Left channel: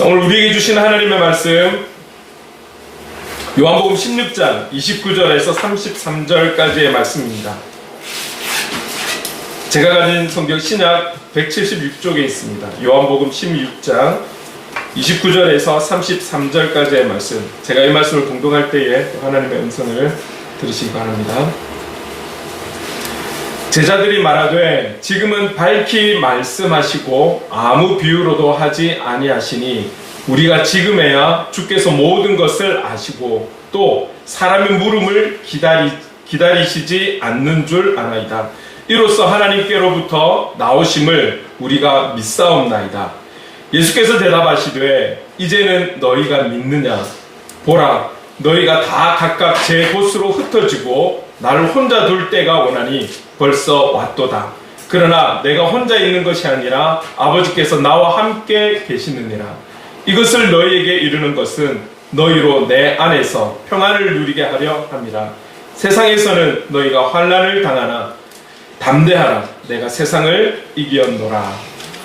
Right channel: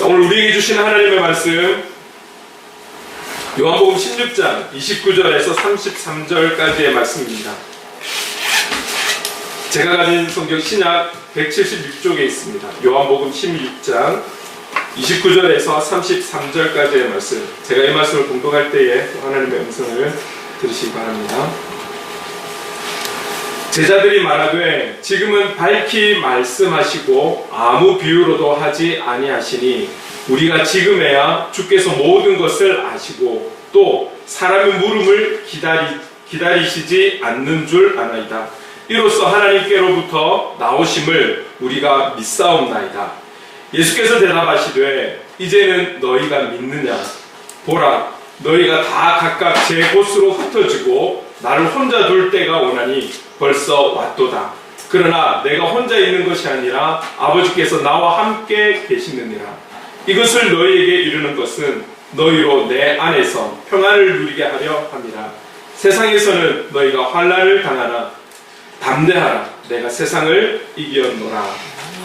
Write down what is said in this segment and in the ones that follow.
오늘 우리에게 주신 하나님의 말씀 요한복음 16장 29절에서 33절까지의 말씀입니다. 제가 가진 성경 신약 176쪽에 있습니다. 요한복음 16장 29절에서 33절까지의 말씀, 제가 이 말씀을 공동할 때에 하나님의 음성을 들으시기 바랍니다. 제자들이 말하되 지금은 밝히 말씀하시고 아무 비유로도 하지 아니하시니 우리가 지금에야 주께서 모든 것을 아시고 또 사람의 물음을 기다리시지 않는 줄 아나이다. 이로써 하나님께로부터 나오심을 우리가 믿사옵나이다. 예수께서 대답하시되 이제는 너희가 믿느냐? 보라, 너희가 다 각각 제 곳으로 흩어지고 나를 혼자 둘 때가 오나니 벌써 왔도다. 그러나 내가 혼자 있는 것이 아니라 아버지께서 나와 함께 계시느니라. 이것을 너희에게 이르는 것은 너희로 내 안에서 평안을 누리게 하려 함이라. 세상에서는 너희가 환난을 당하나 담대하라. 내가 세상을 이기었노라.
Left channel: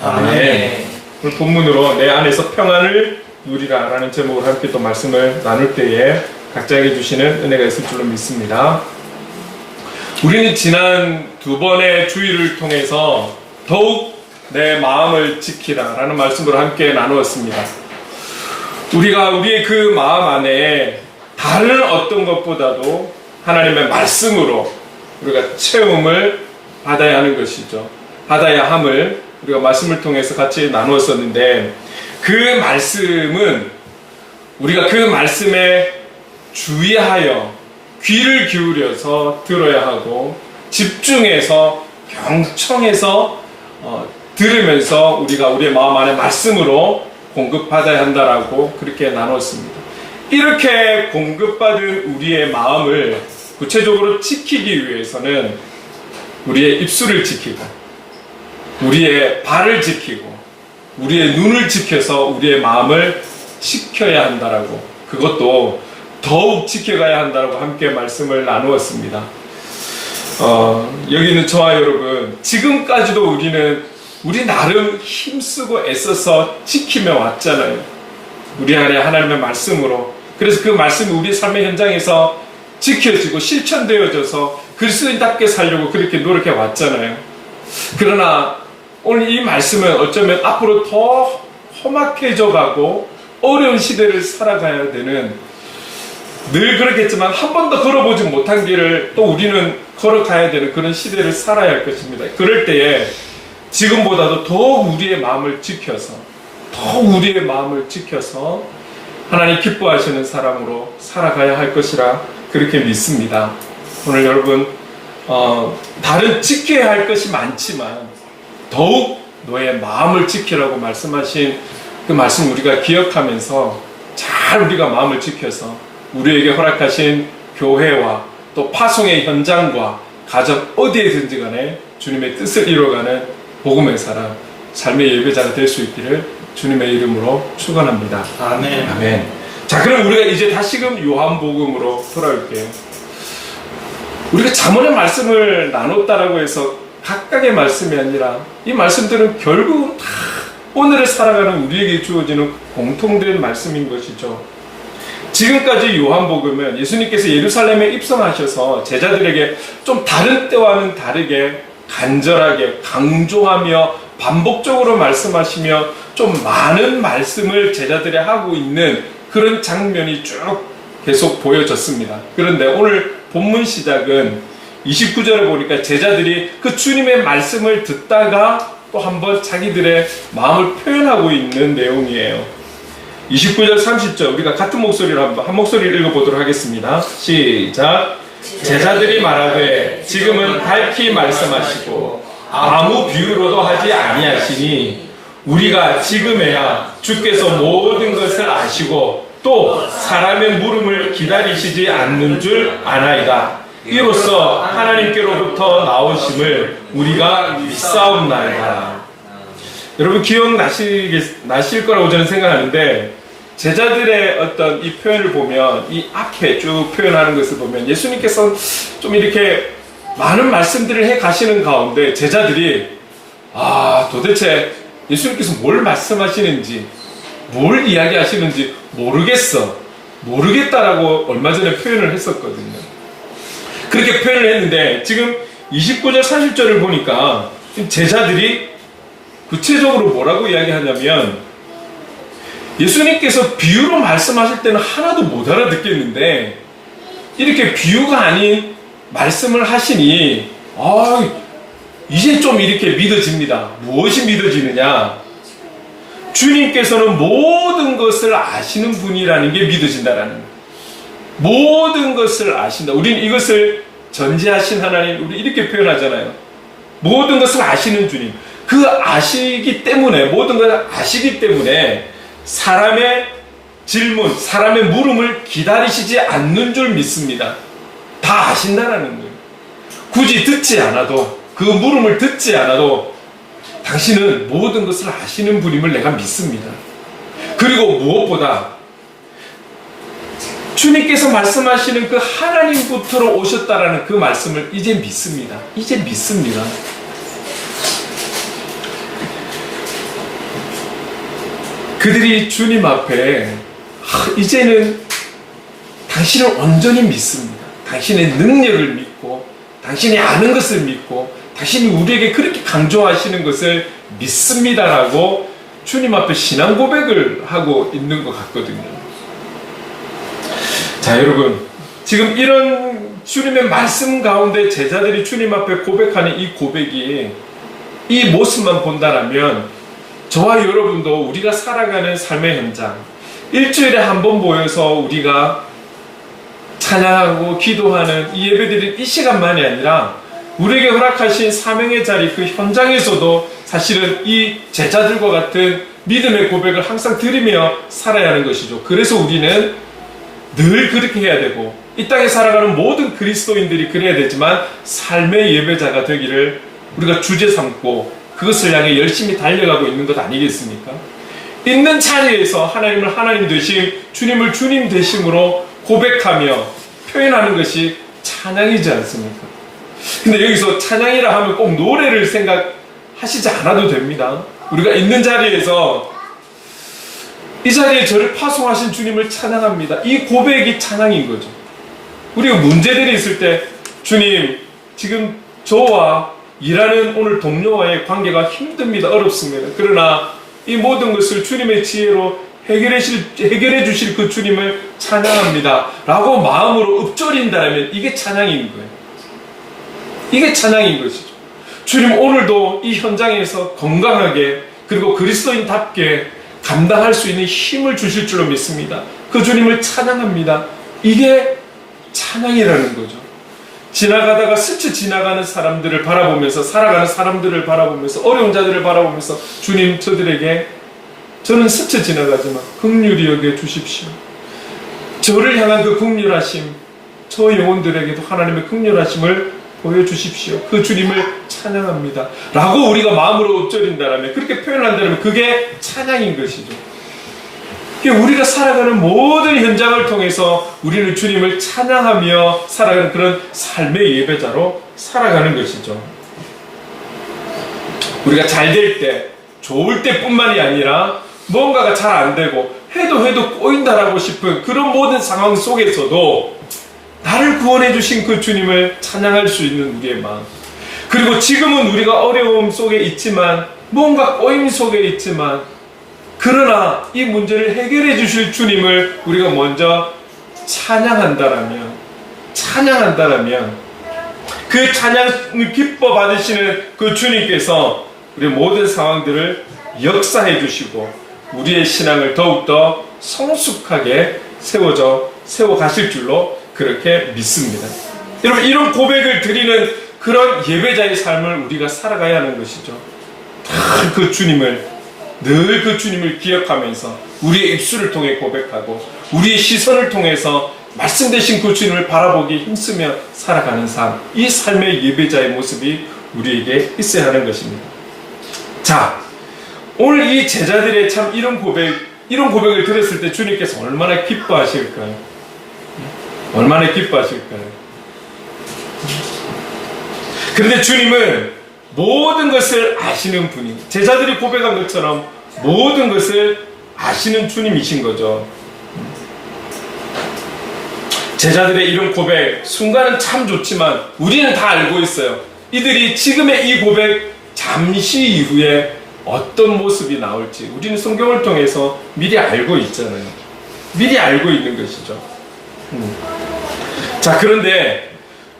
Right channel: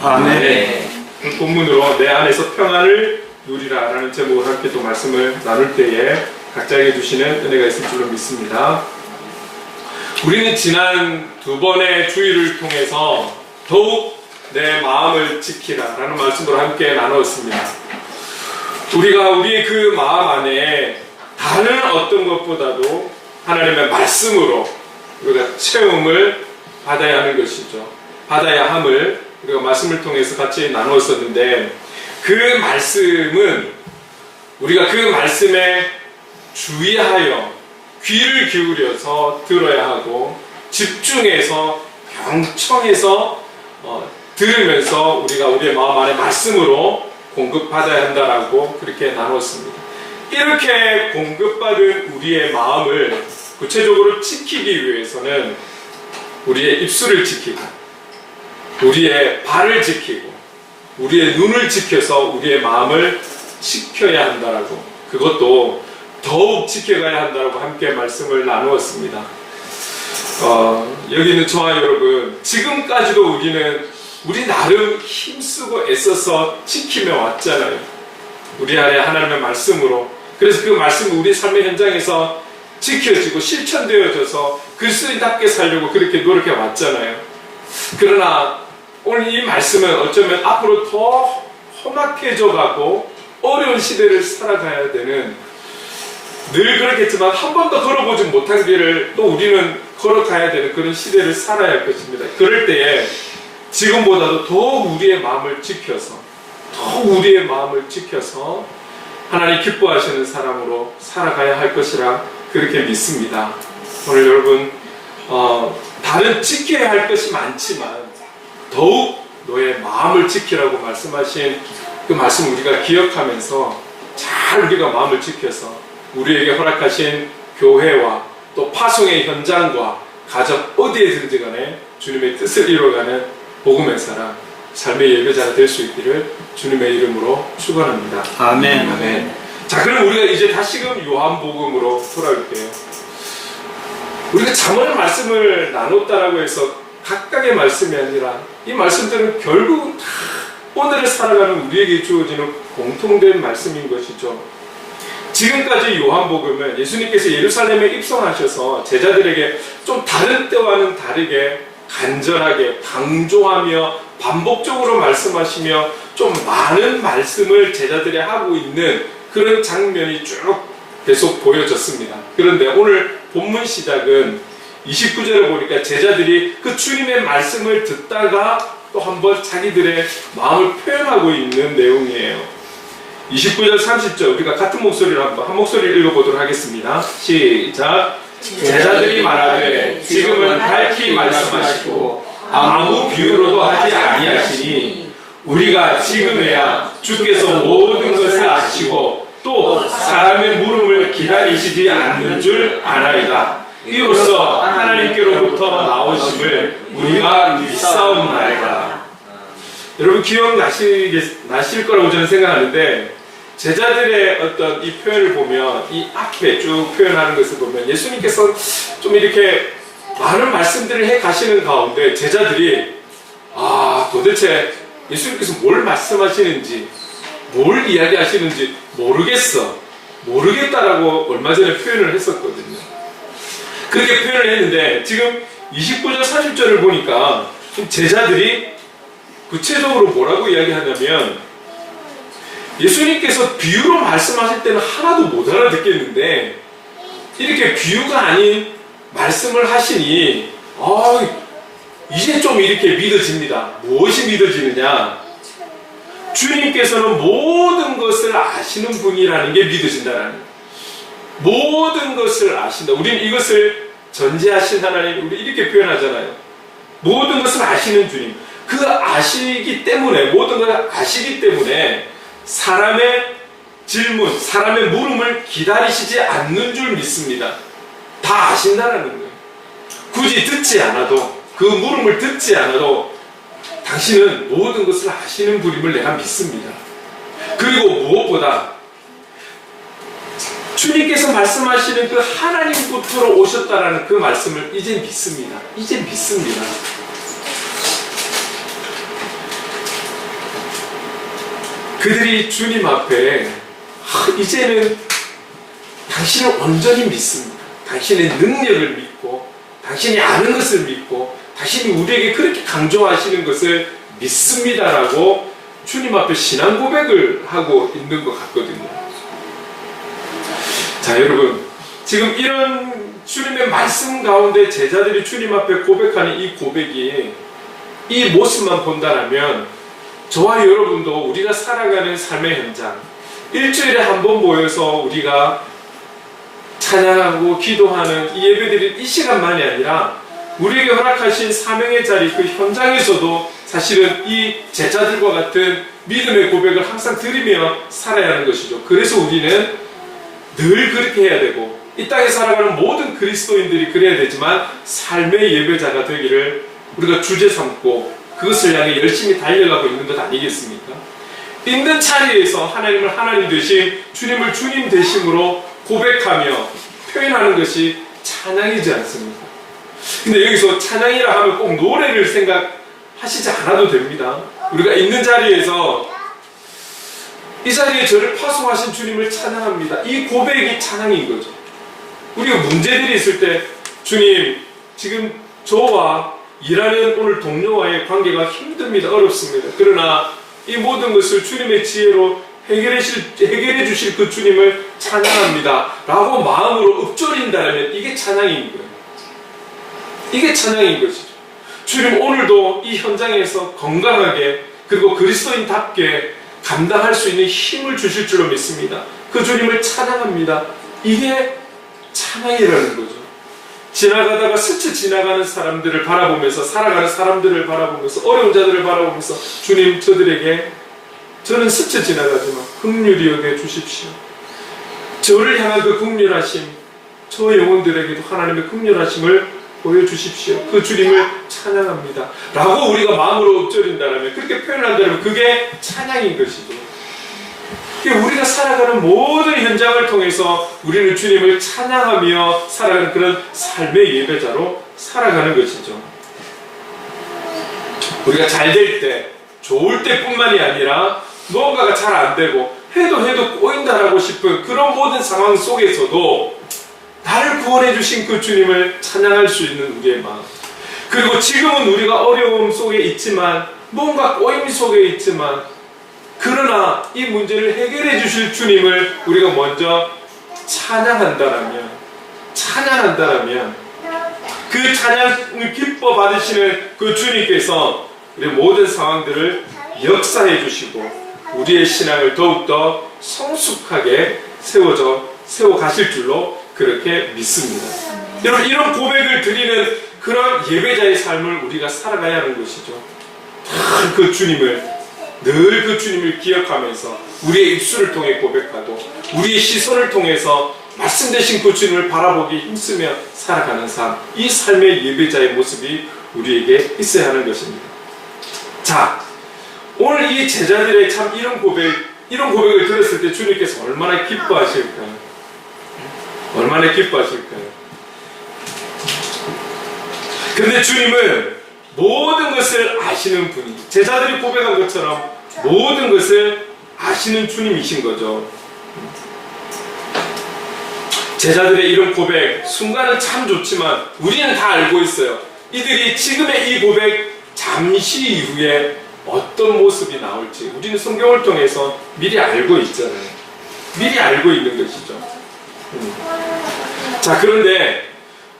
아멘. 그 본문으로 내 안에서 평안을 누리라 라는 제목으로 함께 또 말씀을 나눌 때에 각자에게 주시는 은혜가 있을 줄로 믿습니다. 우리는 지난 두 번의 주일을 통해서 더욱 내 마음을 지키라 라는 말씀으로 함께 나누었습니다. 우리가 우리의 그 마음 안에 다른 어떤 것보다도 하나님의 말씀으로 우리가 체험을 받아야 하는 것이죠. 받아야 함을 우리가 말씀을 통해서 같이 나누었었는데, 그 말씀은 우리가 그 말씀에 주의하여 귀를 기울여서 들어야 하고 집중해서 경청해서 들으면서 우리가 우리의 마음 안에 말씀으로 공급받아야 한다라고 그렇게 나눴습니다. 이렇게 공급받은 우리의 마음을 구체적으로 지키기 위해서는 우리의 입술을 지키고 우리의 발을 지키고 우리의 눈을 지켜서 우리의 마음을 지켜야 한다라고, 그것도 더욱 지켜가야 한다라고 함께 말씀을 나누었습니다. 여기 있는 저와 여러분, 지금까지도 우리 나름 힘쓰고 애써서 지키며 왔잖아요. 우리 안에 하나님의 말씀으로. 그래서 그 말씀이 우리 삶의 현장에서 지켜지고 실천되어져서 그리스도인답게 살려고 그렇게 노력해 왔잖아요. 그러나 오늘 이 말씀은 어쩌면 앞으로 더 험악해져 가고 어려운 시대를 살아가야 되는, 늘 그렇겠지만 한 번도 걸어보지 못한 길을 또 우리는 걸어가야 되는 그런 시대를 살아야 할 것입니다. 그럴 때에 지금보다도 더욱 우리의 마음을 지켜서 하나님 기뻐하시는 사람으로 살아가야 할 것이라 그렇게 믿습니다. 오늘 여러분, 다른 지켜야 할 것이 많지만 더욱 너의 마음을 지키라고 말씀하신 그 말씀 우리가 기억하면서 잘 우리가 마음을 지켜서 우리에게 허락하신 교회와 또 파송의 현장과 가정 어디에든지 간에 주님의 뜻을 이뤄가는 복음의 사람, 삶의 예배자가 될 수 있기를 주님의 이름으로 축원합니다. 아멘. 아멘. 자, 그럼 우리가 이제 다시금 요한복음으로 돌아올게요. 우리가 잠언의 말씀을 나눴다라고 해서 각각의 말씀이 아니라 이 말씀들은 결국은 다 오늘을 살아가는 우리에게 주어지는 공통된 말씀인 것이죠. 지금까지 요한복음은 예수님께서 예루살렘에 입성하셔서 제자들에게 좀 다른 때와는 다르게 간절하게 강조하며 반복적으로 말씀하시며 좀 많은 말씀을 제자들이 하고 있는 그런 장면이 쭉 계속 보여졌습니다. 그런데 오늘 본문 시작은 29절을 보니까 제자들이 그 주님의 말씀을 듣다가 또 한번 자기들의 마음을 표현하고 있는 내용이에요. 29절 30절 우리가 같은 목소리로 한 목소리를 읽어보도록 하겠습니다. 시작. 제자들이 말하되 지금은 밝히 말씀하시고 아무 비유로도 하지 아니하시니 우리가 지금에야 주께서 모든 것을 아시고 또 사람의 물음을 기다리시지 않는 줄 아나이다. 이로써 하나님께로부터 나오심을 우리가 믿사옵나이다. 여러분 기억나실 거라고 저는 생각하는데, 제자들의 어떤 이 표현을 보면, 이 앞에 쭉 표현하는 것을 보면 예수님께서 좀 이렇게 많은 말씀들을 해 가시는 가운데 제자들이 도대체 예수님께서 뭘 말씀하시는지 뭘 이야기하시는지 모르겠다라고 얼마 전에 표현을 했었거든요. 그렇게 표현을 했는데 지금 29절 30절을 보니까 제자들이 구체적으로 뭐라고 이야기하냐면, 예수님께서 비유로 말씀하실 때는 하나도 못 알아듣겠는데 이렇게 비유가 아닌 말씀을 하시니 이제 좀 이렇게 믿어집니다. 무엇이 믿어지느냐? 주님께서는 모든 것을 아시는 분이라는 게 믿어진다라는 거예요. 모든 것을 아신다. 우리는 이것을 전지하신 하나님, 우리 이렇게 표현하잖아요. 모든 것을 아시는 주님. 그 아시기 때문에, 모든 것을 아시기 때문에 사람의 질문, 사람의 물음을 기다리시지 않는 줄 믿습니다. 다 아신다는 거예요. 굳이 듣지 않아도, 그 물음을 듣지 않아도 당신은 모든 것을 아시는 분임을 내가 믿습니다. 그리고 무엇보다 주님께서 말씀하시는 그 하나님부터로 오셨다라는 그 말씀을 이제 믿습니다. 이제 믿습니다. 그들이 주님 앞에 이제는 당신을 온전히 믿습니다. 당신의 능력을 믿고, 당신이 아는 것을 믿고, 당신이 우리에게 그렇게 강조하시는 것을 믿습니다라고 주님 앞에 신앙 고백을 하고 있는 것 같거든요. 자, 여러분, 지금 이런 주님의 말씀 가운데 제자들이 주님 앞에 고백하는 이 고백이, 이 모습만 본다면 저와 여러분도 우리가 살아가는 삶의 현장, 일주일에 한 번 모여서 우리가 찬양하고 기도하는 이 예배드릴 이 시간만이 아니라 우리에게 허락하신 사명의 자리, 그 현장에서도 사실은 이 제자들과 같은 믿음의 고백을 항상 드리며 살아야 하는 것이죠. 그래서 우리는 늘 그렇게 해야 되고, 이 땅에 살아가는 모든 그리스도인들이 그래야 되지만 삶의 예배자가 되기를 우리가 주제 삼고 그것을 향해 열심히 달려가고 있는 것 아니겠습니까? 있는 자리에서 하나님을 하나님 되심, 주님을 주님 되심으로 고백하며 표현하는 것이 찬양이지 않습니까? 근데 여기서 찬양이라 하면 꼭 노래를 생각하시지 않아도 됩니다. 우리가 있는 자리에서 이 자리에 저를 파송하신 주님을 찬양합니다. 이 고백이 찬양인 거죠. 우리가 문제들이 있을 때, 주님, 지금 저와 일하는 오늘 동료와의 관계가 힘듭니다. 어렵습니다. 그러나 이 모든 것을 주님의 지혜로 해결해 주실 그 주님을 찬양합니다 라고 마음으로 읊조린다면 이게 찬양인 거예요. 이게 찬양인 것이죠. 주님, 오늘도 이 현장에서 건강하게, 그리고 그리스도인답게 감당할 수 있는 힘을 주실 줄로 믿습니다. 그 주님을 찬양합니다. 이게 찬양이라는 거죠. 지나가다가 스쳐 지나가는 사람들을 바라보면서, 살아가는 사람들을 바라보면서, 어려운 자들을 바라보면서, 주님, 저는 스쳐 지나가지만 긍휼히 여겨 주십시오. 저를 향한 그 긍휼하심, 저 영혼들에게도 하나님의 긍휼하심을 보여주십시오. 그 주님을 찬양합니다 라고 우리가 마음으로 읊조린다면, 그렇게 표현한다면 그게 찬양인 것이죠. 우리가 살아가는 모든 현장을 통해서 우리는 주님을 찬양하며 살아가는 그런 삶의 예배자로 살아가는 것이죠. 우리가 잘 될 때, 좋을 때뿐만이 아니라 뭔가가 잘 안 되고 해도 꼬인다라고 싶은 그런 모든 상황 속에서도 나를 구원해 주신 그 주님을 찬양할 수 있는 우리의 마음, 그리고 지금은 우리가 어려움 속에 있지만, 뭔가 꼬임 속에 있지만, 그러나 이 문제를 해결해 주실 주님을 우리가 먼저 찬양한다라면 그 찬양을 기뻐 받으시는 그 주님께서 우리 모든 상황들을 역사해 주시고 우리의 신앙을 더욱더 성숙하게 세워 가실 줄로 그렇게 믿습니다. 여러분, 이런 고백을 드리는 그런 예배자의 삶을 우리가 살아가야 하는 것이죠. 늘 그 주님을 기억하면서 우리의 입술을 통해 고백하고 우리의 시선을 통해서 말씀 되신 그 주님을 바라보기 힘쓰며 살아가는 삶, 이 삶의 예배자의 모습이 우리에게 있어야 하는 것입니다. 자, 오늘 이 제자들의 참 이런 고백을 들었을 때 주님께서 얼마나 기뻐하실까요? 얼마나 기뻐하실까요? 그런데 주님은 모든 것을 아시는 분이, 제자들이 고백한 것처럼 모든 것을 아시는 주님이신 거죠. 제자들의 이런 고백, 순간은 참 좋지만 우리는 다 알고 있어요. 이들이 지금의 이 고백 잠시 이후에 어떤 모습이 나올지 우리는 성경을 통해서 미리 알고 있잖아요. 미리 알고 있는 것이죠. 자, 그런데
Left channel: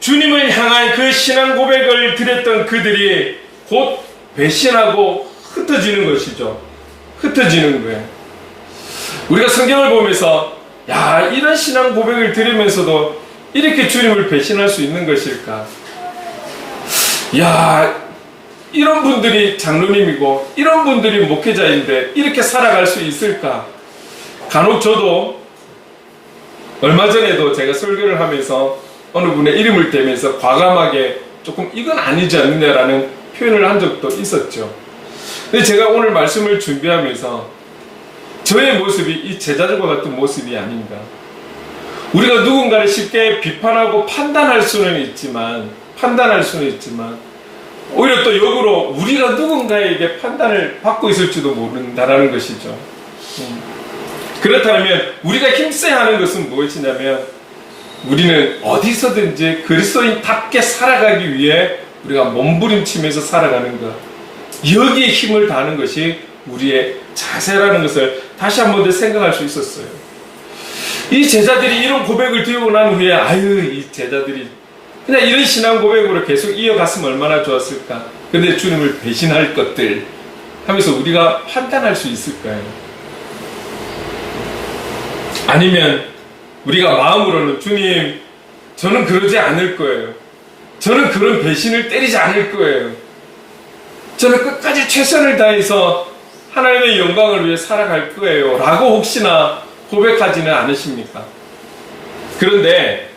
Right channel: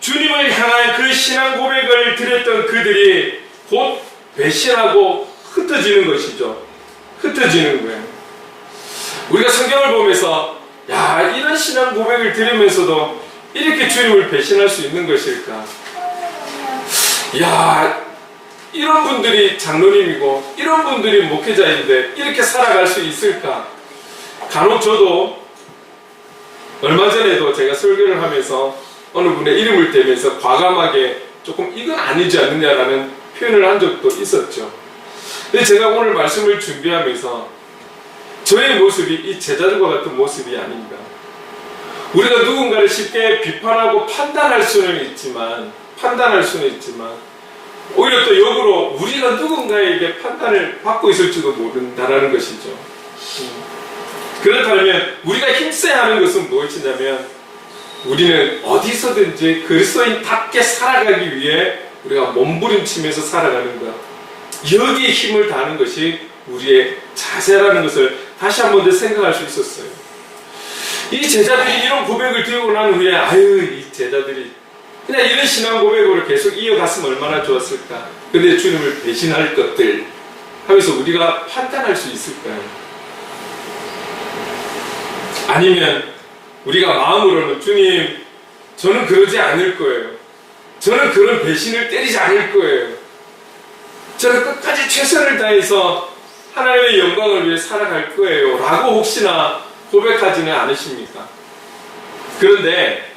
주님을 향한 그 신앙 고백을 드렸던 그들이 곧 배신하고 흩어지는 것이죠. 흩어지는 거예요. 우리가 성경을 보면서 야, 이런 신앙 고백을 들으면서도 이렇게 주님을 배신할 수 있는 것일까? 야, 이런 분들이 장로님이고 이런 분들이 목회자인데 이렇게 살아갈 수 있을까? 간혹 저도 얼마 전에도 제가 설교를 하면서 어느 분의 이름을 대면서 과감하게 조금 이건 아니지 않느냐라는 표현을 한 적도 있었죠. 근데 제가 오늘 말씀을 준비하면서 저의 모습이 이 제자들과 같은 모습이 아닙니다. 우리가 누군가를 쉽게 비판하고 판단할 수는 있지만 오히려 또 역으로 우리가 누군가에게 판단을 받고 있을지도 모른다라는 것이죠. 그렇다면 우리가 힘써야 하는 것은 무엇이냐면 우리는 어디서든지 그리스도인답게 살아가기 위해 우리가 몸부림치면서 살아가는 것, 여기에 힘을 다하는 것이 우리의 자세라는 것을 다시 한 번 더 생각할 수 있었어요. 이 제자들이 이런 고백을 드리고 난 후에 이 제자들이 그냥 이런 신앙 고백으로 계속 이어갔으면 얼마나 좋았을까. 근데 주님을 배신할 것들 하면서 우리가 판단할 수 있을까요? 아니면 우리가 마음으로는 주님, 저는 그러지 않을 거예요. 저는 그런 배신을 때리지 않을 거예요. 저는 끝까지 최선을 다해서 하나님의 영광을 위해 살아갈 거예요. 라고 혹시나 고백하지는 않으십니까? 그런데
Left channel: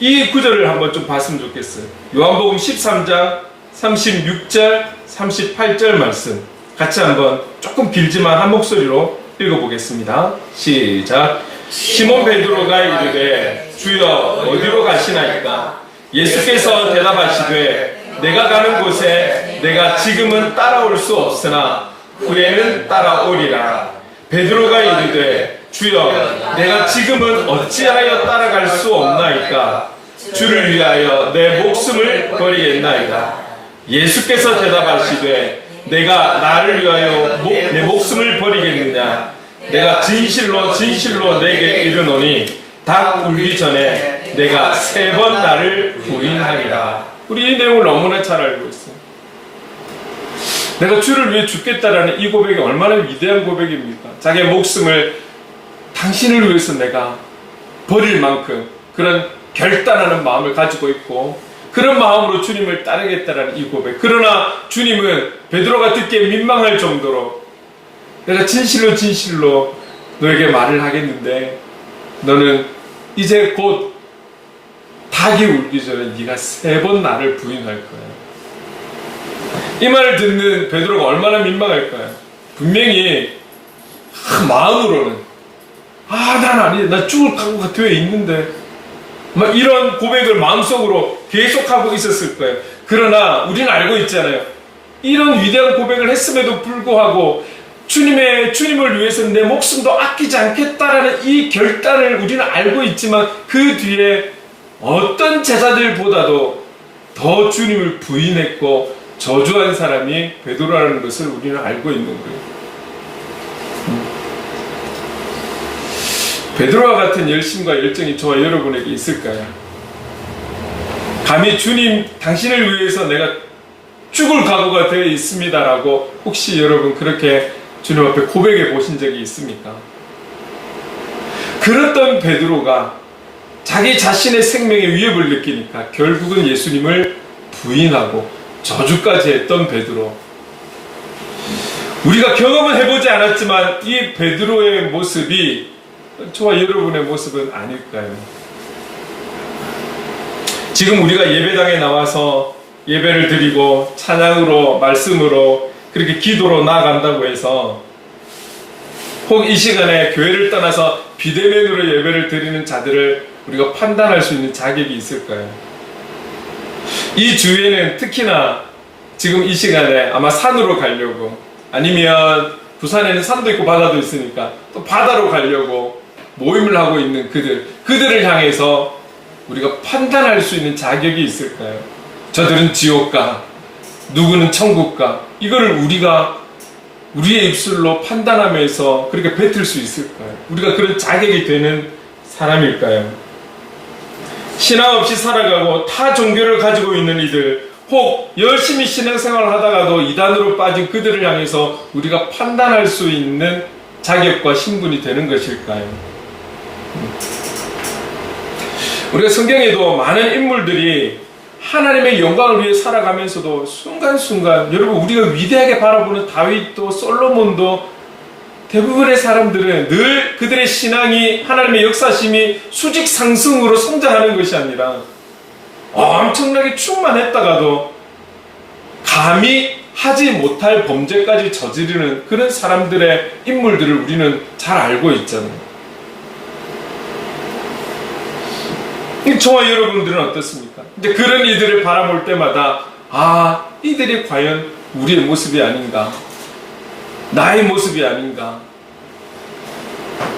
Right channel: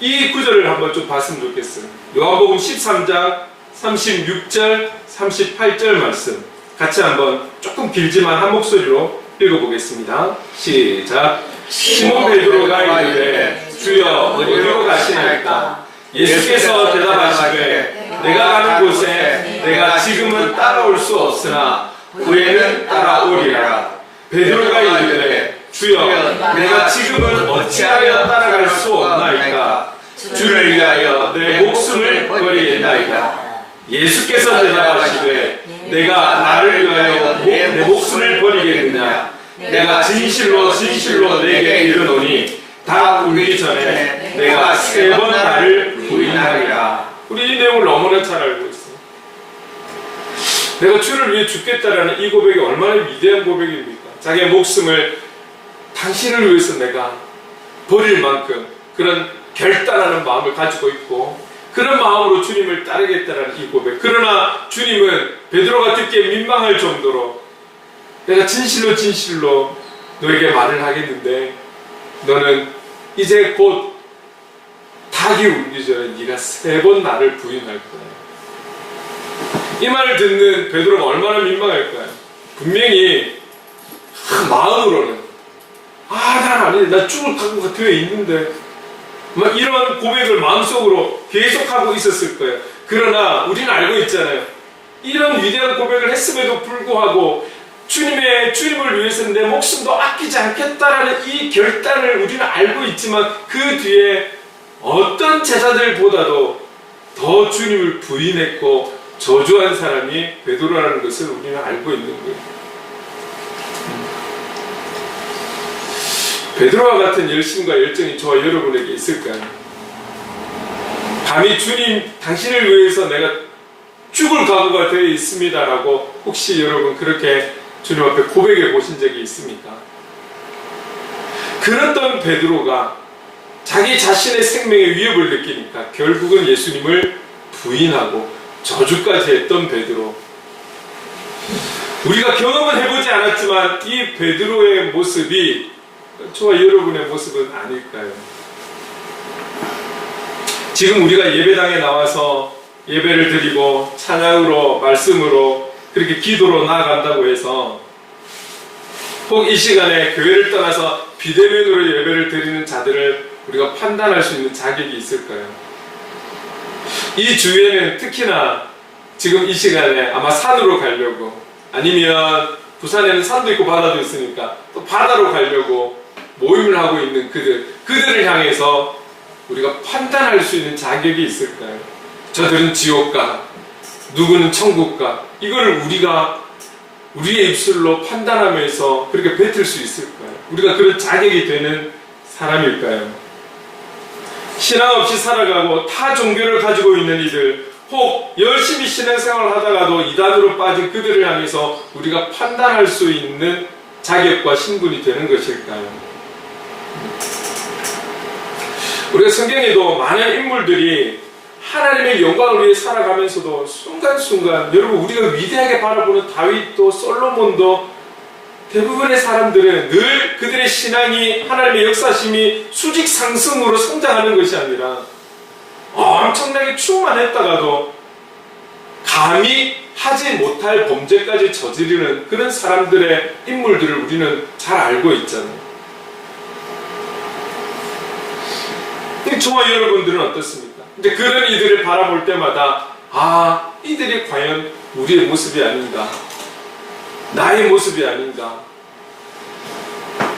이 구절을 한번 좀 봤으면 좋겠어요. 요한복음 13장 36절 38절 말씀 같이 한번 조금 길지만 한 목소리로 읽어보겠습니다. 시작. 시몬 베드로가 이르되 주여 어디로 가시나이까? 예수께서 대답하시되 내가 가는 곳에 내가 지금은 따라올 수 없으나 후에는 따라오리라. 베드로가 이르되 주여 내가 지금은 어찌하여 따라갈 수 없나이까? 주를 위하여 내 목숨을 버리겠나이까? 예수께서 대답하시되 내가 나를 위하여 내 목숨을 버리겠느냐? 내가 진실로 진실로 내게 이르노니 닭 울기 전에 내가 3번 나를 부인하리라. 우리 이 내용을 너무나 잘 알고 있어요. 내가 주를 위해 죽겠다라는 이 고백이 얼마나 위대한 고백입니까? 자기의 목숨을 당신을 위해서 내가 버릴 만큼 그런 결단하는 마음을 가지고 있고 그런 마음으로 주님을 따르겠다라는 이 고백. 그러나 주님은 베드로가 듣기에 민망할 정도로 내가 진실로 진실로 너에게 말을 하겠는데 너는 이제 곧 닭이 울기 전에 네가 3번 나를 부인할 거야. 이 말을 듣는 베드로가 얼마나 민망할까요? 분명히 마음으로는 난 아니지, 나 죽을 각오가 되어 있는데 막 이런 고백을 마음속으로 계속하고 있었을 거예요. 그러나 우리는 알고 있잖아요. 이런 위대한 고백을 했음에도 불구하고 주님을 위해서 내 목숨도 아끼지 않겠다라는 이 결단을 우리는 알고 있지만 그 뒤에 어떤 제자들보다도 더 주님을 부인했고 저주한 사람이 베드로라는 것을 우리는 알고 있는 거예요. 베드로와 같은 열심과 열정이 저와 여러분에게 있을까요? 감히 주님, 당신을 위해서 내가 죽을 각오가 되어 있습니다라고 혹시 여러분 그렇게 주님 앞에 고백해 보신 적이 있습니까? 그랬던 베드로가 자기 자신의 생명에 위협을 느끼니까 결국은 예수님을 부인하고 저주까지 했던 베드로. 우리가 경험은 해보지 않았지만 이 베드로의 모습이 저와 여러분의 모습은 아닐까요? 지금 우리가 예배당에 나와서 예배를 드리고 찬양으로 말씀으로 그렇게 기도로 나아간다고 해서 혹 이 시간에 교회를 떠나서 비대면으로 예배를 드리는 자들을 우리가 판단할 수 있는 자격이 있을까요? 이 주에는 특히나 지금 이 시간에 아마 산으로 가려고 아니면 부산에는 산도 있고 바다도 있으니까 또 바다로 가려고 모임을 하고 있는 그들을 향해서 우리가 판단할 수 있는 자격이 있을까요? 저들은 지옥가, 누구는 천국가, 이걸 우리가 우리의 입술로 판단하면서 그렇게 뱉을 수 있을까요? 우리가 그런 자격이 되는 사람일까요? 신앙 없이 살아가고 타 종교를 가지고 있는 이들, 혹 열심히 신앙생활을 하다가도 이단으로 빠진 그들을 향해서 우리가 판단할 수 있는 자격과 신분이 되는 것일까요? 우리가 성경에도 많은 인물들이 하나님의 영광을 위해 살아가면서도 순간순간, 여러분 우리가 위대하게 바라보는 다윗도 솔로몬도 대부분의 사람들은 늘 그들의 신앙이 하나님의 역사심이 수직 상승으로 성장하는 것이 아니라 엄청나게 충만했다가도 감히 하지 못할 범죄까지 저지르는 그런 사람들의 인물들을 우리는 잘 알고 있잖아요. 저와 여러분들은 어떻습니까? 이제 그런 이들을 바라볼 때마다 이들이 과연 우리의 모습이 아닌가, 나의 모습이 아닌가.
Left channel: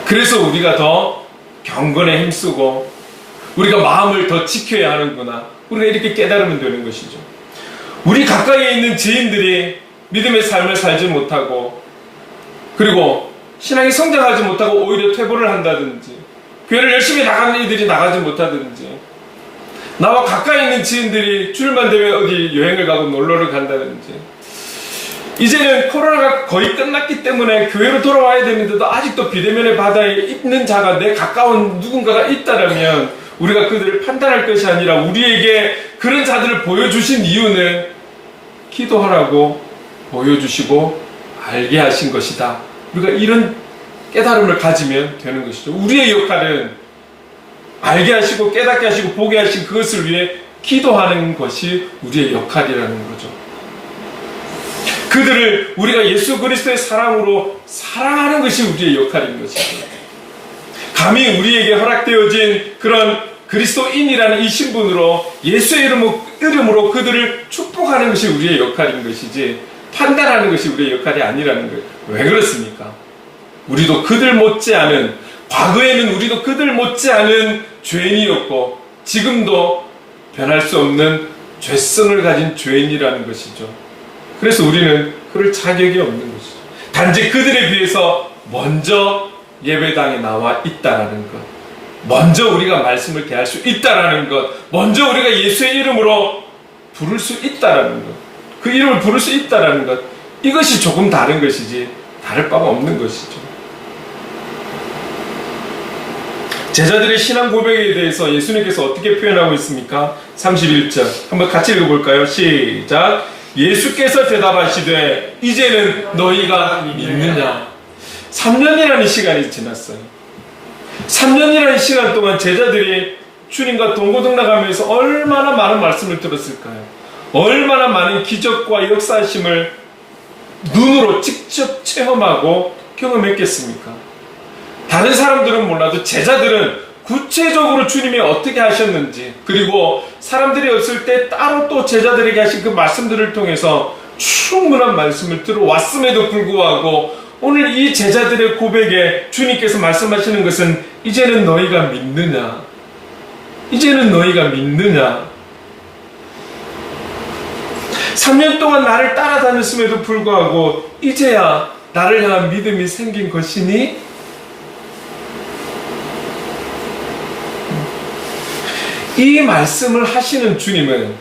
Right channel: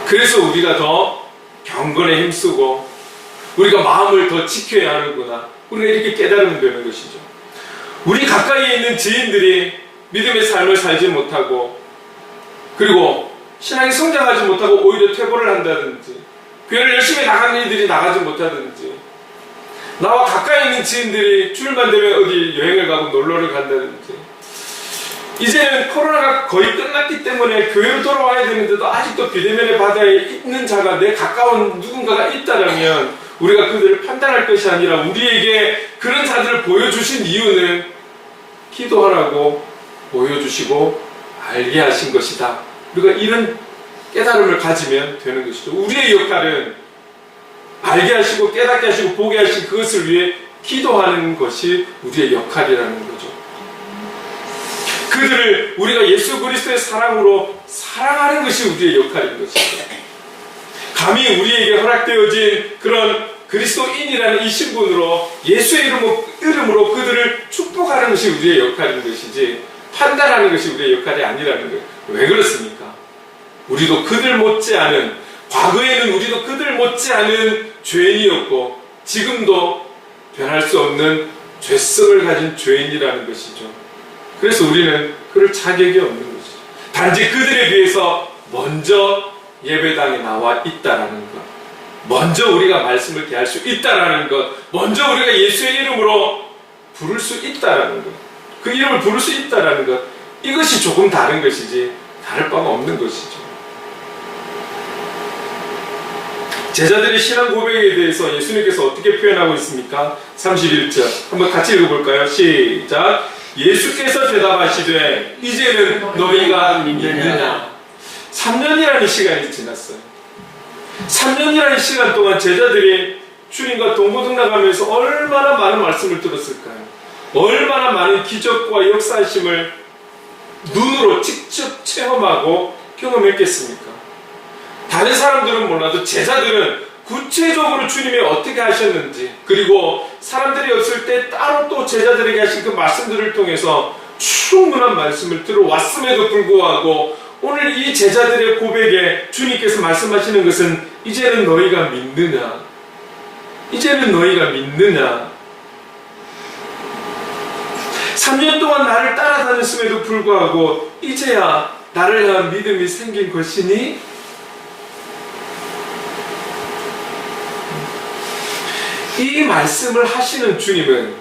그래서 우리가 더 경건에 힘쓰고 우리가 마음을 더 지켜야 하는구나, 우리가 이렇게 깨달으면 되는 것이죠. 우리 가까이에 있는 지인들이 믿음의 삶을 살지 못하고, 그리고 신앙이 성장하지 못하고 오히려 퇴보를 한다든지, 교회를 열심히 나가는 이들이 나가지 못하든지, 나와 가까이 있는 지인들이 주일만 되면 어디 여행을 가고 놀러를 간다든지, 이제는 코로나가 거의 끝났기 때문에 교회로 돌아와야 되는데도 아직도 비대면의 바다에 있는 자가, 내 가까운 누군가가 있다라면 우리가 그들을 판단할 것이 아니라 우리에게 그런 자들을 보여주신 이유는 기도하라고 보여주시고 알게 하신 것이다. 우리가 이런 깨달음을 가지면 되는 것이죠. 우리의 역할은 알게 하시고 깨닫게 하시고 보게 하신 그것을 위해 기도하는 것이 우리의 역할이라는 거죠. 그들을 우리가 예수 그리스도의 사랑으로 사랑하는 것이 우리의 역할인 것이죠. 감히 우리에게 허락되어진 그런 그리스도인이라는 이 신분으로 예수의 이름으로 그들을 축복하는 것이 우리의 역할인 것이지, 판단하는 것이 우리의 역할이 아니라는 거예요. 왜 그렇습니까? 우리도 그들 못지않은, 과거에는 우리도 그들 못지않은 죄인이었고 지금도 변할 수 없는 죄성을 가진 죄인이라는 것이죠. 그래서 우리는 그럴 자격이 없는 것이죠. 단지 그들에 비해서 먼저 예배당에 나와 있다라는 것, 먼저 우리가 말씀을 대할 수 있다라는 것, 먼저 우리가 예수의 이름으로 부를 수 있다라는 것, 그 이름을 부를 수 있다라는 것, 이것이 조금 다른 것이지 다를 바가 없는 것이죠. 제자들의 신앙 고백에 대해서 예수님께서 어떻게 표현하고 있습니까? 31절 한번 같이 읽어볼까요? 시작. 예수께서 대답하시되 이제는 너희가 믿느냐. 3년이라는 시간이 지났어요. 3년이라는 시간 동안 제자들이 주님과 동고동락하면서 얼마나 많은 말씀을 들었을까요? 얼마나 많은 기적과 역사심을 눈으로 직접 체험하고 경험했겠습니까? 다른 사람들은 몰라도 제자들은 구체적으로 주님이 어떻게 하셨는지, 그리고 사람들이 없을 때 따로 또 제자들에게 하신 그 말씀들을 통해서 충분한 말씀을 들어왔음에도 불구하고 오늘 이 제자들의 고백에 주님께서 말씀하시는 것은 이제는 너희가 믿느냐? 이제는 너희가 믿느냐? 3년 동안 나를 따라다녔음에도 불구하고 이제야 나를 향한 믿음이 생긴 것이니? 이 말씀을 하시는 주님은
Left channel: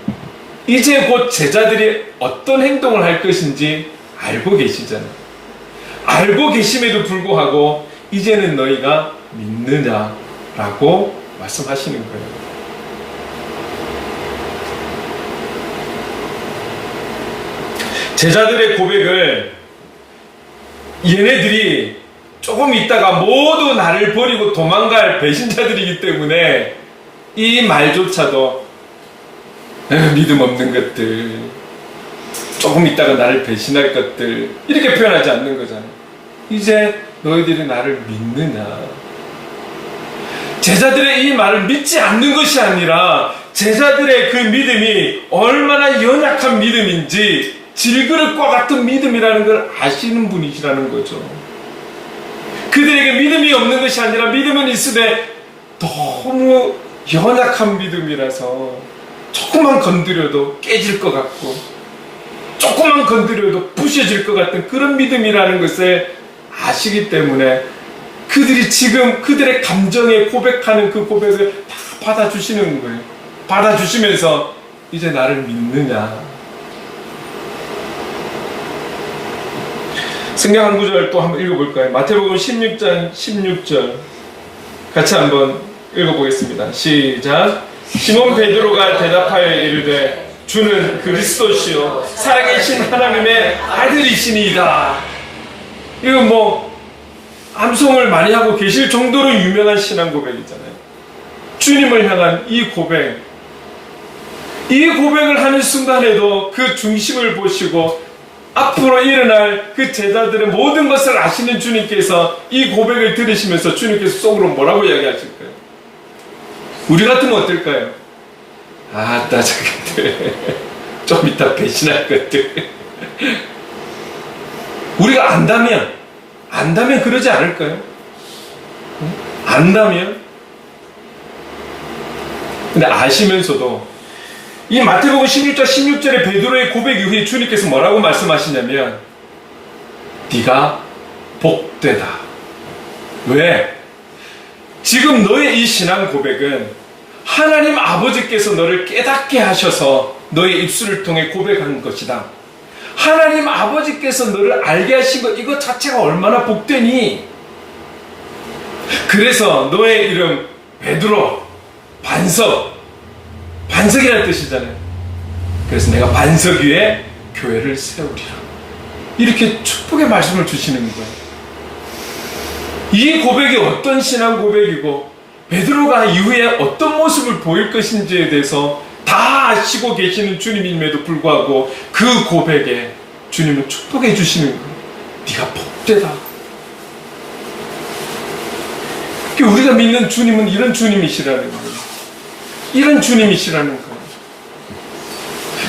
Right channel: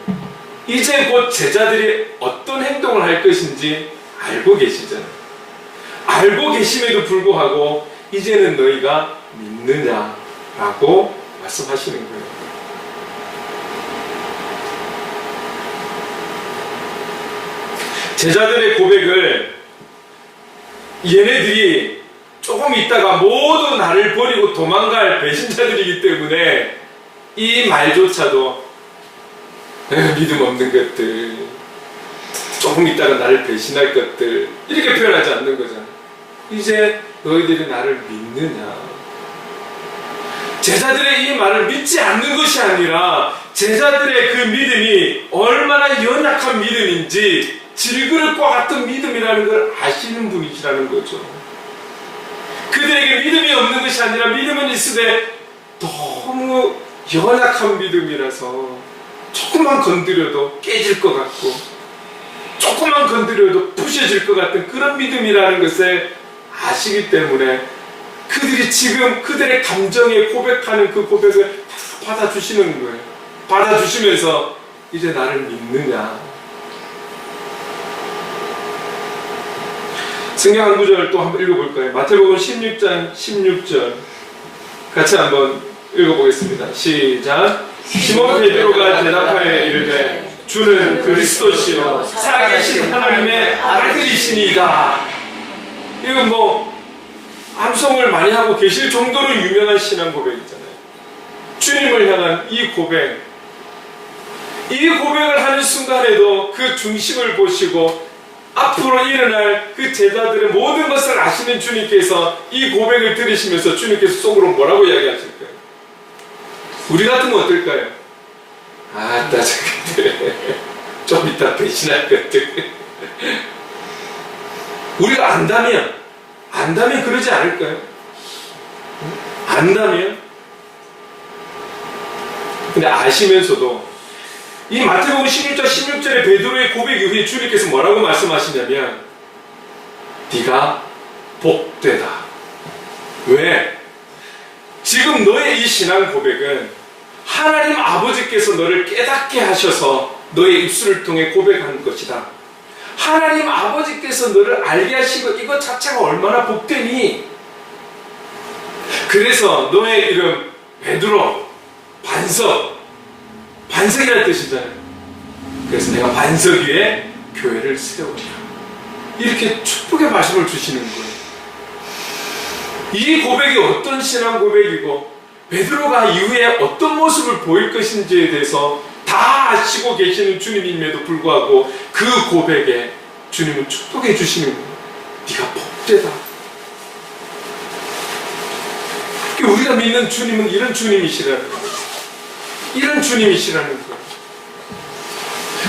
이제 곧 제자들이 어떤 행동을 할 것인지 알고 계시잖아요. 알고 계심에도 불구하고 이제는 너희가 믿느냐라고 말씀하시는 거예요. 제자들의 고백을 얘네들이 조금 있다가 모두 나를 버리고 도망갈 배신자들이기 때문에 이 말조차도 믿음 없는 것들, 조금 있다가 나를 배신할 것들, 이렇게 표현하지 않는 거잖아요. 이제 너희들이 나를 믿느냐. 제자들의 이 말을 믿지 않는 것이 아니라 제자들의 그 믿음이 얼마나 연약한 믿음인지 질그릇과 같은 믿음이라는 걸 아시는 분이시라는 거죠. 그들에게 믿음이 없는 것이 아니라 믿음은 있으되 너무 연약한 믿음이라서 조금만 건드려도 깨질 것 같고 조금만 건드려도 부셔질 것 같은 그런 믿음이라는 것을 아시기 때문에 그들이 지금 그들의 감정에 고백하는 그 고백을 다 받아주시는 거예요. 받아주시면서 이제 나를 믿느냐. 성경 한 구절 또 한번 읽어볼까요? 마태복음 16장 16절 같이 한번 읽어보겠습니다. 시작. 시몬 베드로가 대답하여 이르되 주는 그리스도시요 살아계신 하나님의 아들이시니이다. 이건 뭐 암송을 많이 하고 계실 정도로 유명한 신앙 고백이잖아요. 주님을 향한 이 고백, 이 고백을 하는 순간에도 그 중심을 보시고 앞으로 일어날 그 제자들의 모든 것을 아시는 주님께서 이 고백을 들으시면서 주님께서 속으로 뭐라고 이야기하실까요? 우리 같으면 어떨까요? 아, 나 저것들 좀 이따 배신할 것들. 우리가 안다면 그러지 않을까요? 안다면? 근데 아시면서도 이 마태복음 16장 16절의 베드로의 고백 이후에 주님께서 뭐라고 말씀하시냐면 네가 복되다. 왜? 지금 너의 이 신앙 고백은 하나님 아버지께서 너를 깨닫게 하셔서 너의 입술을 통해 고백한 것이다. 하나님 아버지께서 너를 알게 하시고 이것 자체가 얼마나 복되니? 그래서 너의 이름 베드로, 반석이라는 뜻이잖아요. 그래서 내가 반석 위에 교회를 세우리라. 이렇게 축복의 말씀을 주시는 거예요. 이 고백이 어떤 신앙 고백이고 베드로가 이후에 어떤 모습을 보일 것인지에 대해서 다 아시고 계시는 주님임에도 불구하고 그 고백에 주님은 축복해 주시는 거예요. 네가 복되다. 우리가 믿는 주님은 이런 주님이시라는 거예요. 이런 주님이시라는 거예요.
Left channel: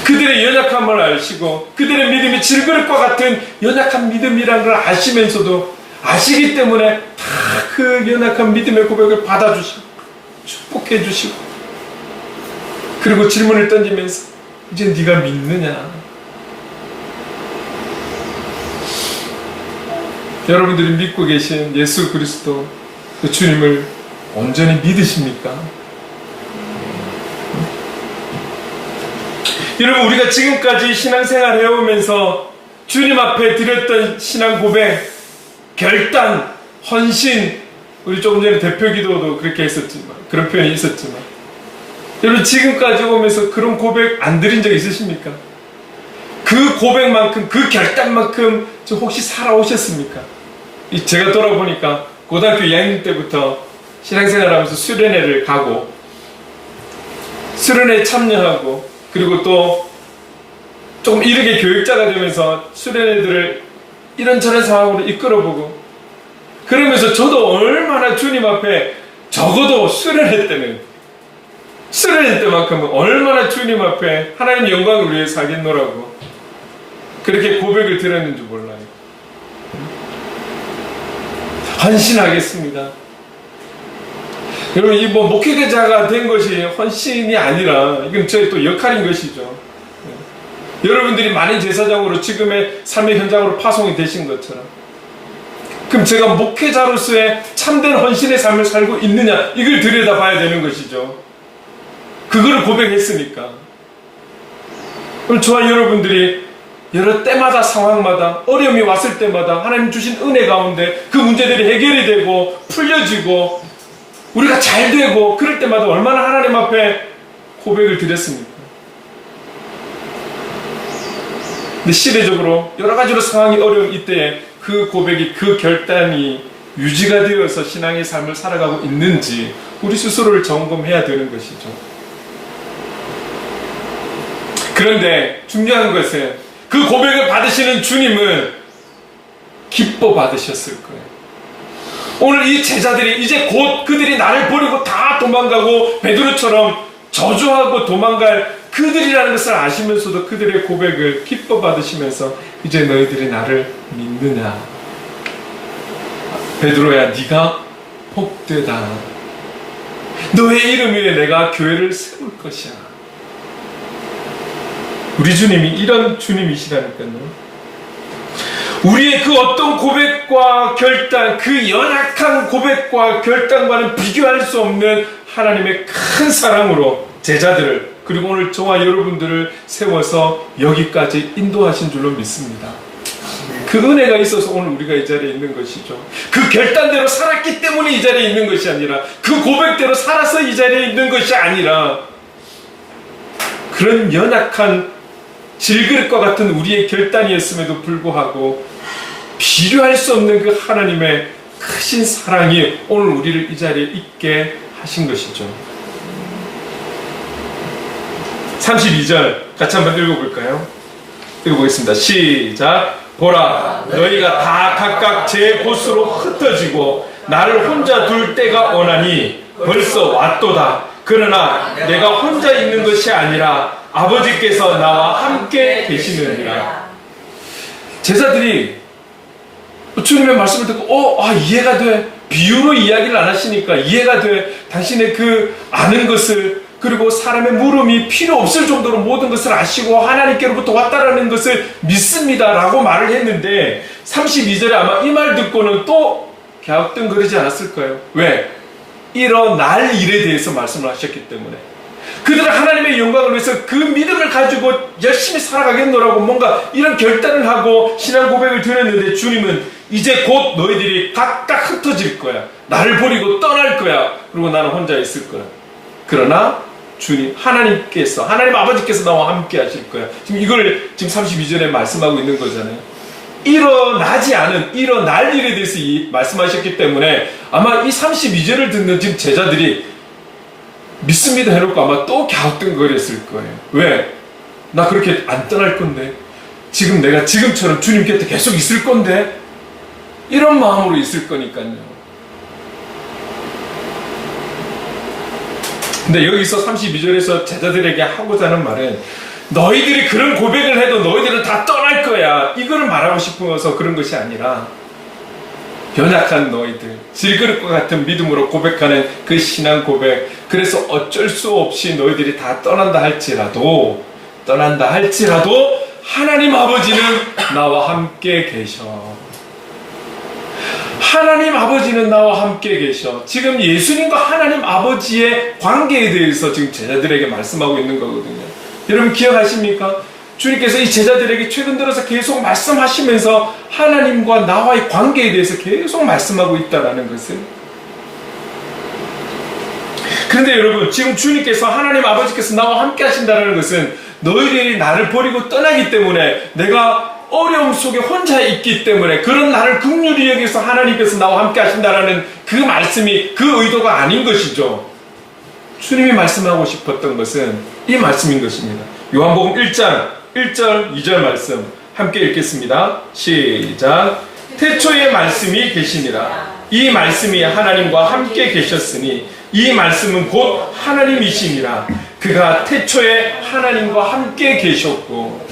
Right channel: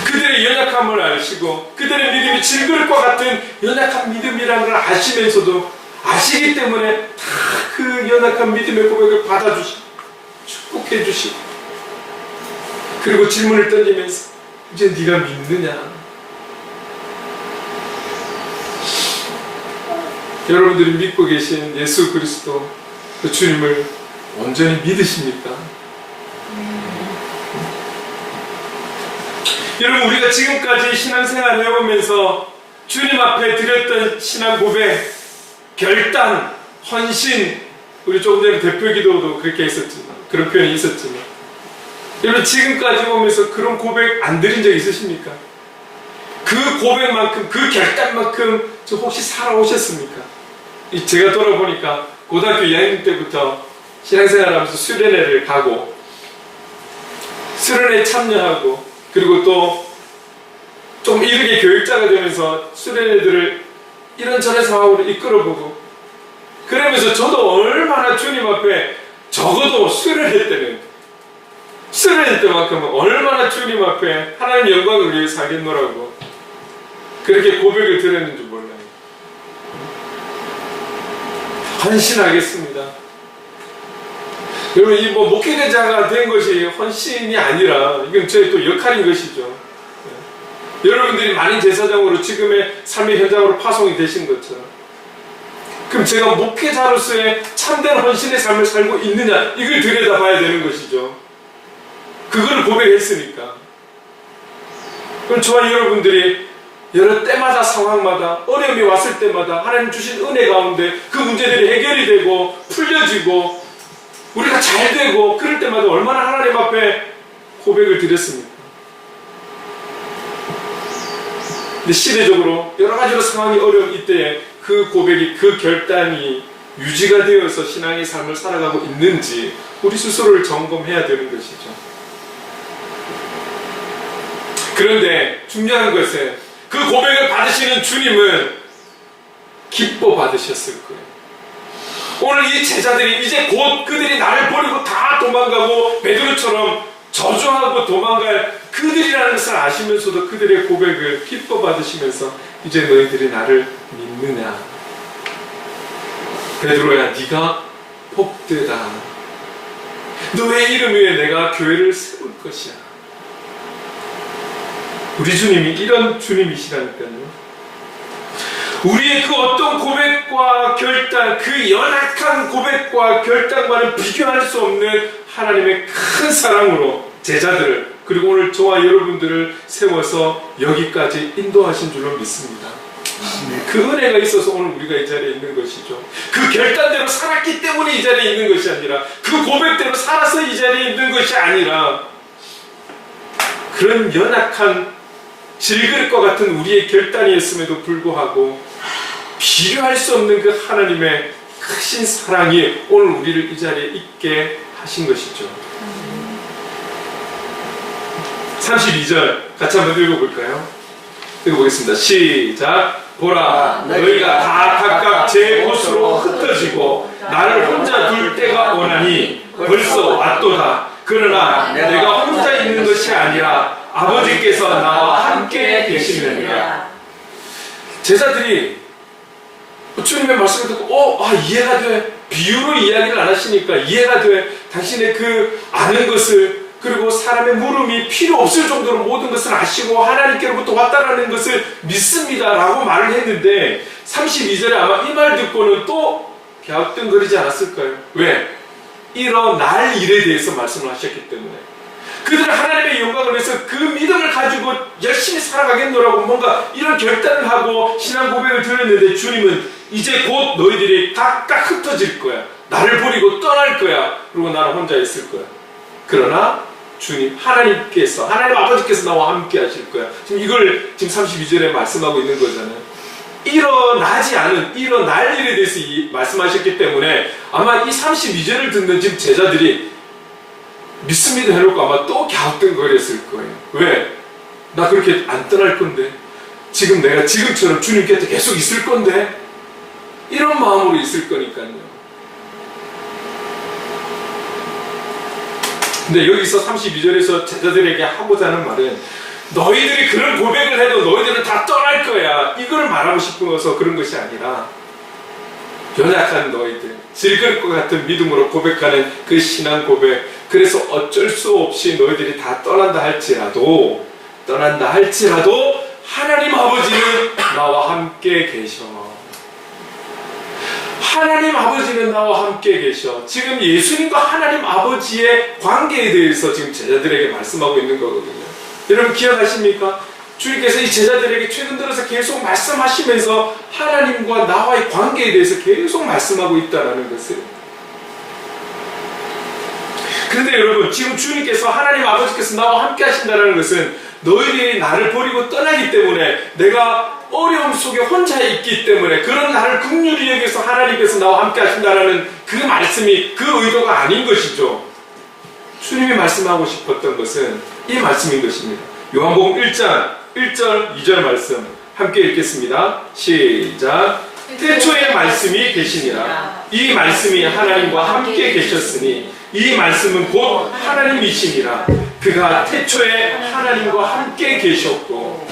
그들의 연약함을 아시고 그들의 믿음이 질그릇과 같은 연약한 믿음이라는 걸 아시면서도 아시기 때문에 다 그 연약한 믿음의 고백을 받아주시고 축복해 주시고 그리고 질문을 던지면서 이제 네가 믿느냐? 여러분들이 믿고 계신 예수 그리스도 그 주님을 온전히 믿으십니까? 여러분, 우리가 지금까지 신앙생활 해오면서 주님 앞에 드렸던 신앙 고백, 결단, 헌신, 우리 조금 전에 대표 기도도 그렇게 했었지만, 그런 표현이 있었지만, 여러분 지금까지 오면서 그런 고백 안 드린 적 있으십니까? 그 고백만큼, 그 결단만큼 저 혹시 살아오셨습니까? 제가 돌아보니까 고등학교 2학년 때부터 신앙생활 하면서 수련회를 가고 수련회에 참여하고 그리고 또 조금 이르게 교육자가 되면서 수련회들을 이런저런 상황으로 이끌어보고 그러면서 저도 얼마나 주님 앞에 적어도 수련회 때만큼은 얼마나 주님 앞에 하나님 영광을 위해 살겠노라고 그렇게 고백을 드렸는지 몰라요. 헌신하겠습니다. 여러분, 이 목회자가 된 것이 헌신이 아니라 이건 저희 또 역할인 것이죠. 여러분들이 많은 제사장으로 지금의 삶의 현장으로 파송이 되신 것처럼 그럼 제가 목회자로서의 참된 헌신의 삶을 살고 있느냐 이걸 들여다봐야 되는 것이죠. 그거를 고백했으니까. 그럼 저와 여러분들이 여러 때마다 상황마다 어려움이 왔을 때마다 하나님 주신 은혜 가운데 그 문제들이 해결이 되고 풀려지고 우리가 잘 되고 그럴 때마다 얼마나 하나님 앞에 고백을 드렸습니까? 근데 시대적으로 여러 가지로 상황이 어려운 이때에 그 고백이 그 결단이 유지가 되어서 신앙의 삶을 살아가고 있는지 우리 스스로를 점검해야 되는 것이죠. 그런데 중요한 것은 그 고백을 받으시는 주님은 기뻐 받으셨을 거예요. 오늘 이 제자들이 이제 곧 그들이 나를 버리고 다 도망가고 베드로처럼 저주하고 도망갈 그들이라는 것을 아시면서도 그들의 고백을 기뻐 받으시면서 이제 너희들이 나를 믿느냐? 베드로야, 네가 복되다. 너의 이름 위에 내가 교회를 세울 것이야. 우리 주님이 이런 주님이시라니까요. 우리의 그 어떤 고백과 결단, 그 연약한 고백과 결단과는 비교할 수 없는 하나님의 큰 사랑으로 제자들을, 그리고 오늘 저와 여러분들을 세워서 여기까지 인도하신 줄로 믿습니다. 그 은혜가 있어서 오늘 우리가 이 자리에 있는 것이죠. 그 결단대로 살았기 때문에 이 자리에 있는 것이 아니라, 그 고백대로 살아서 이 자리에 있는 것이 아니라, 그런 연약한 질그릇과 같은 우리의 결단이었음에도 불구하고 비교할 수 없는 그 하나님의 크신 사랑이 오늘 우리를 이 자리에 있게 하신 것이죠. 32절 같이 한번 읽어볼까요? 읽어보겠습니다. 시작. 보라, 너희가 다 각각 제 곳으로 흩어지고 나를 혼자 둘 때가 오나니 벌써 왔도다. 그러나 내가 혼자 있는 것이 아니라 아버지께서 나와 함께 계시느니라. 제자들이 주님의 말씀을 듣고 이해가 돼. 비유로 이야기를 안 하시니까 이해가 돼. 당신의 그 아는 것을, 그리고 사람의 물음이 필요 없을 정도로 모든 것을 아시고 하나님께로부터 왔다라는 것을 믿습니다 라고 말을 했는데, 32절에 아마 이 말 듣고는 또 갸우뚱거리지 않았을까요? 왜? 일어날 일에 대해서 말씀을 하셨기 때문에. 그들은 하나님의 영광을 위해서 그 믿음을 가지고 열심히 살아가겠노라고 뭔가 이런 결단을 하고 신앙 고백을 드렸는데, 주님은 이제 곧 너희들이 각각 흩어질 거야. 나를 버리고 떠날 거야. 그리고 나는 혼자 있을 거야. 그러나 주님, 하나님께서, 하나님 아버지께서 나와 함께 하실 거야. 지금 이걸 지금 32절에 말씀하고 있는 거잖아요. 일어나지 않은, 일어날 일에 대해서 말씀하셨기 때문에 아마 이 32절을 듣는 지금 제자들이 믿습니다 해놓고 아마 또 갸우뚱거렸을 거예요. 왜? 나 그렇게 안 떠날 건데, 지금 내가 지금처럼 주님 곁에 계속 있을 건데, 이런 마음으로 있을 거니까요. 근데 여기서 32절에서 제자들에게 하고자 하는 말은, 너희들이 그런 고백을 해도 너희들은 다 떠날 거야, 이거를 말하고 싶어서 그런 것이 아니라, 연약한 너희들, 질그릇과 같은 믿음으로 고백하는 그 신앙 고백, 그래서 어쩔 수 없이 너희들이 다 떠난다 할지라도 하나님 아버지는 나와 함께 계셔. 하나님 아버지는 나와 함께 계셔. 지금 예수님과 하나님 아버지의 관계에 대해서 지금 제자들에게 말씀하고 있는 거거든요. 여러분 기억하십니까? 주님께서 이 제자들에게 최근 들어서 계속 말씀하시면서 하나님과 나와의 관계에 대해서 계속 말씀하고 있다는 것을. 그런데 여러분, 지금 주님께서, 하나님 아버지께서 나와 함께 하신다는 것은 너희들이 나를 버리고 떠나기 때문에, 내가 어려움 속에 혼자 있기 때문에, 그런 나를 긍휼히 여기서 하나님께서 나와 함께 하신다는 그 말씀이 그 의도가 아닌 것이죠. 주님이 말씀하고 싶었던 것은 이 말씀인 것입니다. 요한복음 1장 1절 2절 말씀 함께 읽겠습니다. 시작. 태초에 말씀이 계시니라. 이 말씀이 하나님과 함께 계셨으니 이 말씀은 곧 하나님이시니라. 그가 태초에 하나님과 함께 계셨고,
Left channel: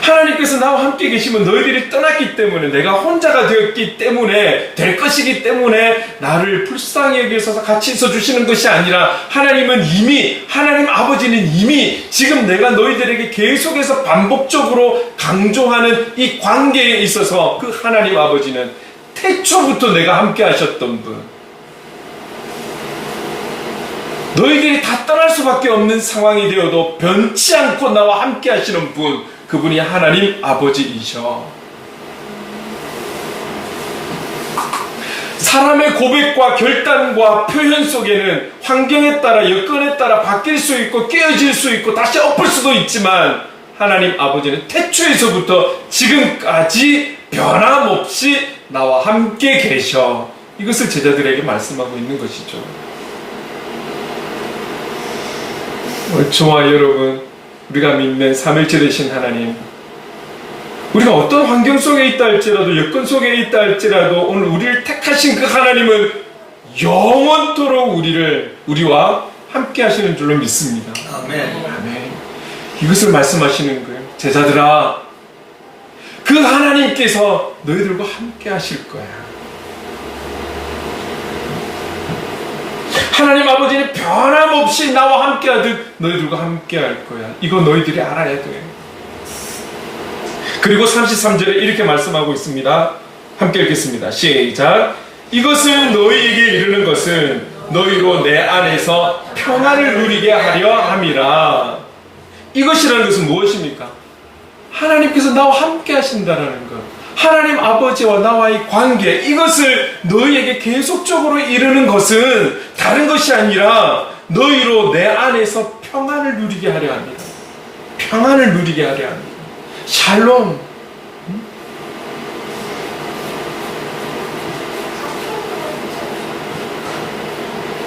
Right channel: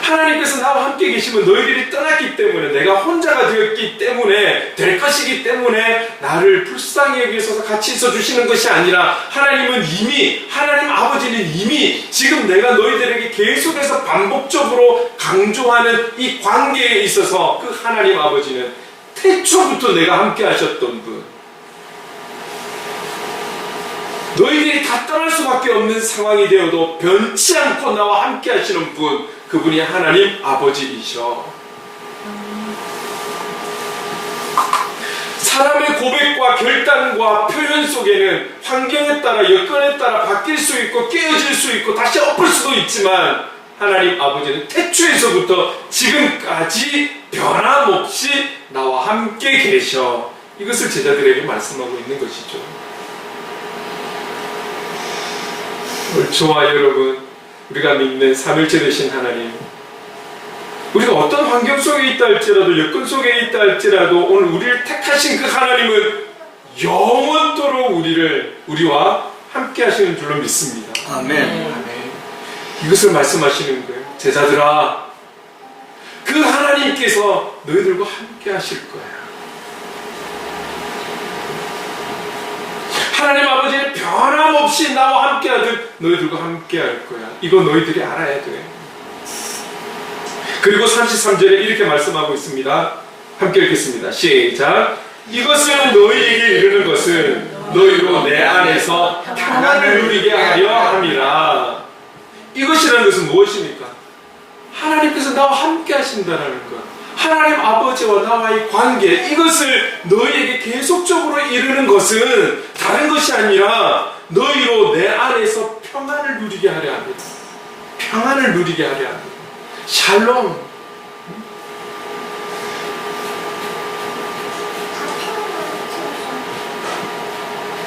하나님께서 나와 함께 계시면 너희들이 떠났기 때문에, 내가 혼자가 되었기 때문에, 될 것이기 때문에 나를 불쌍히 여기셔서 같이 있어주시는 것이 아니라, 하나님 아버지는 이미 지금 내가 너희들에게 계속해서 반복적으로 강조하는 이 관계에 있어서 그 하나님 아버지는 태초부터 내가 함께 하셨던 분, 너희들이 다 떠날 수밖에 없는 상황이 되어도 변치 않고 나와 함께 하시는 분, 그분이 하나님 아버지이셔. 사람의 고백과 결단과 표현 속에는 환경에 따라, 여건에 따라 바뀔 수 있고 깨어질 수 있고 다시 엎을 수도 있지만, 하나님 아버지는 태초에서부터 지금까지 변함없이 나와 함께 계셔. 이것을 제자들에게 말씀하고 있는 것이죠. 저와 여러분, 우리가 믿는 삼일체 되신 하나님, 우리가 어떤 환경 속에 있다 할지라도, 여건 속에 있다 할지라도, 오늘 우리를 택하신 그 하나님은 영원토록 우리와 함께 하시는 줄로 믿습니다. 아멘. 이것을 말씀하시는 거예요. 제자들아, 그 하나님께서 너희들과 함께 하실 거야. 하나님 아버지는 변함없이 나와 함께 하듯 너희들과 함께 할 거야. 이거 너희들이 알아야 돼. 그리고 33절에 이렇게 말씀하고 있습니다. 함께 읽겠습니다. 시작. 이것을 너희에게 이르는 것은 너희로 내 안에서 평안을 누리게 하려 함이라. 이것이라는 것은 무엇입니까? 하나님께서 나와 함께 하신다는 것, 하나님 아버지와 나와의 관계, 이것을 너희에게 계속적으로 이루는 것은 다른 것이 아니라 너희로 내 안에서 평안을 누리게 하려 합니다. 평안을 누리게 하려 합니다. 샬롬.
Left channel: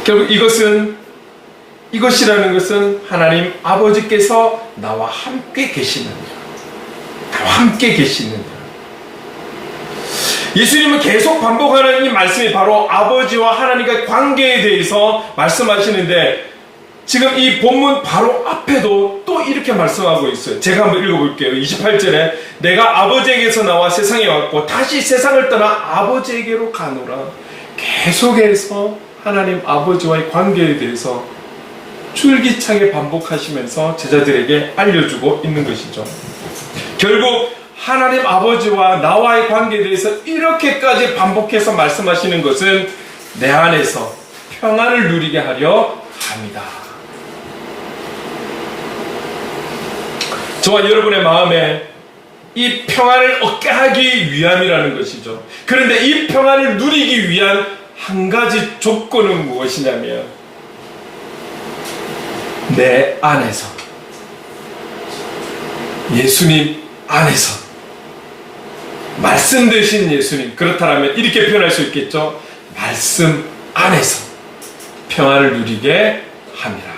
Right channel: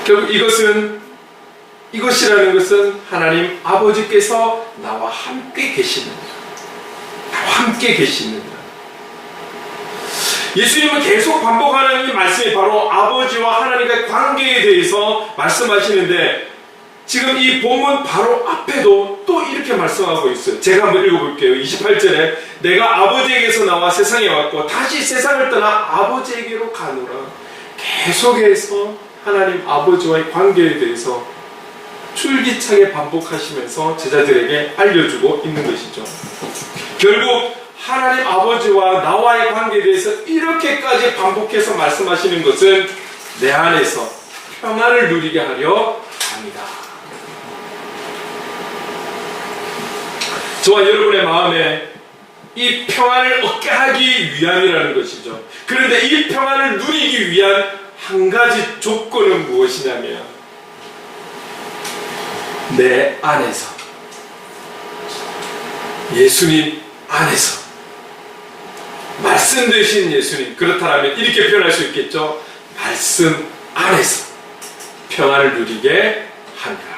결국 이것이라는 것은 하나님 아버지께서 나와 함께 계시는, 나와 함께 계시는. 예수님은 계속 반복하는 이 말씀이 바로 아버지와 하나님과의 관계에 대해서 말씀하시는데, 지금 이 본문 바로 앞에도 또 이렇게 말씀하고 있어요. 제가 한번 읽어볼게요. 28절에 내가 아버지에게서 나와 세상에 왔고 다시 세상을 떠나 아버지에게로 가노라. 계속해서 하나님 아버지와의 관계에 대해서 줄기차게 반복하시면서 제자들에게 알려주고 있는 것이죠. 결국 하나님 아버지와 나와의 관계에 대해서 이렇게까지 반복해서 말씀하시는 것은 내 안에서 평안을 누리게 하려 합니다. 저와 여러분의 마음에 이 평안을 얻게 하기 위함이라는 것이죠. 그런데 이 평안을 누리기 위한 한 가지 조건은 무엇이냐면 내 안에서, 예수님 안에서, 말씀 되신 예수님, 그렇다면 이렇게 표현할 수 있겠죠. 말씀 안에서 평안을 누리게 합니다.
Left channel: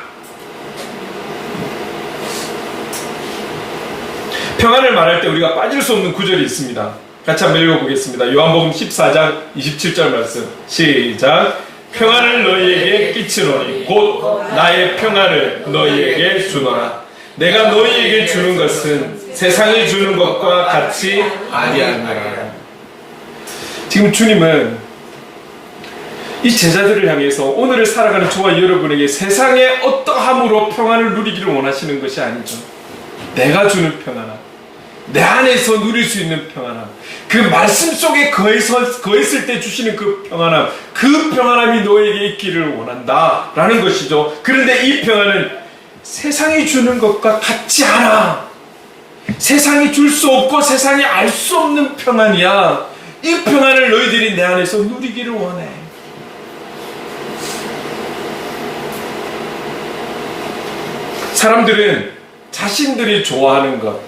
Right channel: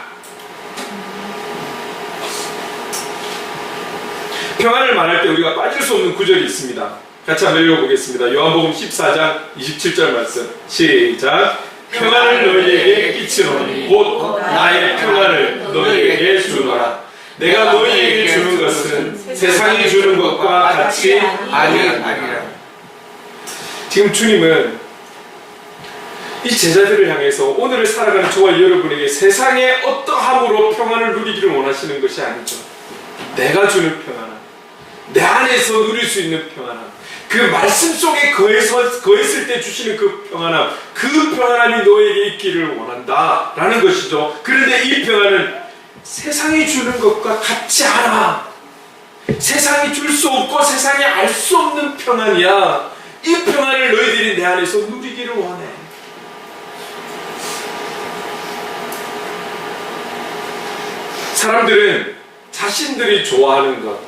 평안을 말할 때 우리가 빠질 수 없는 구절이 있습니다. 같이 한번 읽어보겠습니다. 요한복음 14장 27절 말씀 시작. 평안을 너희에게 끼치노니 곧 나의 평안을 너희에게 주노라. 내가 너희에게 주는 것은 세상이 주는 것과 같이 아니하니라. 지금 주님은 이 제자들을 향해서 오늘을 살아가는 저와 여러분에게 세상의 어떠함으로 평안을 누리기를 원하시는 것이 아니죠. 내가 주는 평안함, 내 안에서 누릴 수 있는 평안함, 그 말씀 속에 거했을 때 주시는 그 평안함, 그 평안함이 너에게 있기를 원한다 라는 것이죠. 그런데 이 평안은 세상이 주는 것과 같지 않아. 세상이 줄 수 없고 세상이 알 수 없는 평안이야. 이 평안을 너희들이 내 안에서 누리기를 원해. 사람들은 자신들이 좋아하는 것,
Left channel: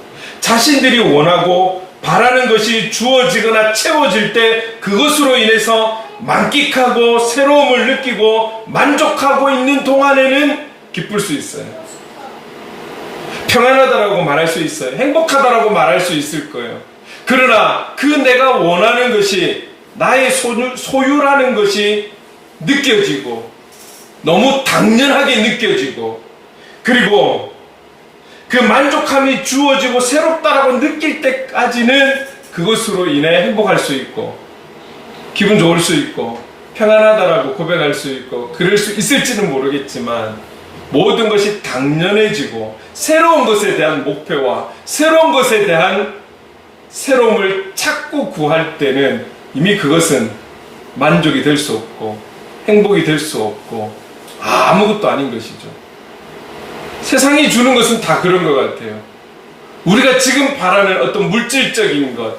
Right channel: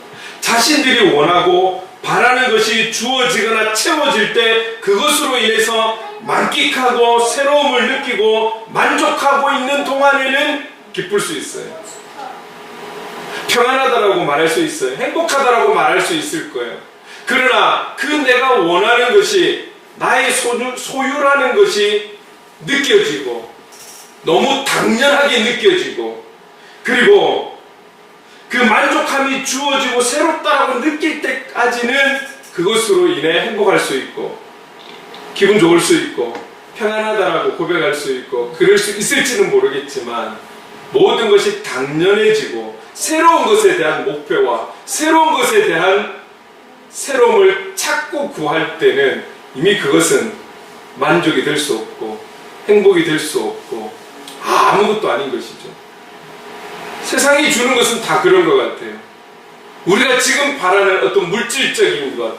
자신들이 원하고 바라는 것이 주어지거나 채워질 때 그것으로 인해서 만끽하고 새로움을 느끼고 만족하고 있는 동안에는 기쁠 수 있어요. 평안하다라고 말할 수 있어요. 행복하다라고 말할 수 있을 거예요. 그러나 그 내가 원하는 것이 나의 소유라는 것이 느껴지고 너무 당연하게 느껴지고, 그리고 그 만족함이 주어지고 새롭다라고 느낄 때까지는 그것으로 인해 행복할 수 있고 기분 좋을 수 있고 평안하다라고 고백할 수 있고 그럴 수 있을지는 모르겠지만, 모든 것이 당연해지고 새로운 것에 대한 목표와 새로운 것에 대한 새로움을 찾고 구할 때는 이미 그것은 만족이 될 수 없고 행복이 될 수 없고 아무것도 아닌 것이죠. 세상이 주는 것은 다 그런 것 같아요. 우리가 지금 바라는 어떤 물질적인 것,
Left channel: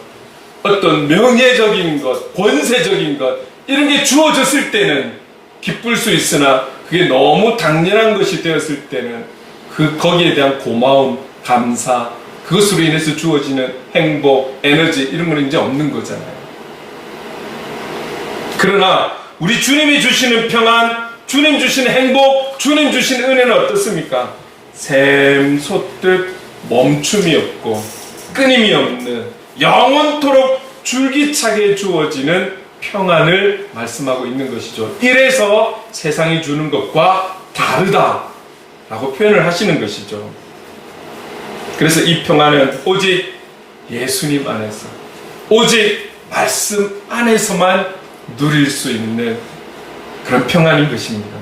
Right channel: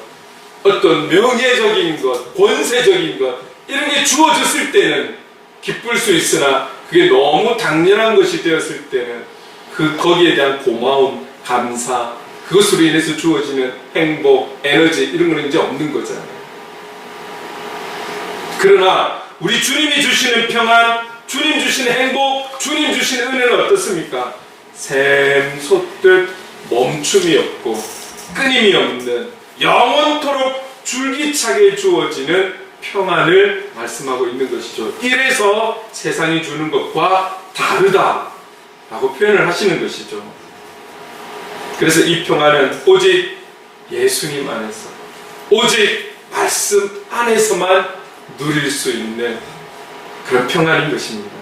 어떤 명예적인 것, 권세적인 것, 이런 게 주어졌을 때는 기쁠 수 있으나 그게 너무 당연한 것이 되었을 때는 거기에 대한 고마움, 감사, 그것으로 인해서 주어지는 행복, 에너지, 이런 거는 이제 없는 거잖아요. 그러나 우리 주님이 주시는 평안, 주님 주시는 행복, 주님 주시는 은혜는 어떻습니까? 샘솟듯 멈춤이 없고 끊임이 없는 영원토록 줄기차게 주어지는 평안을 말씀하고 있는 것이죠. 이래서 세상이 주는 것과 다르다라고 표현을 하시는 것이죠. 그래서 이 평안은 오직 예수님 안에서, 오직 말씀 안에서만 누릴 수 있는 그런 평안인 것입니다.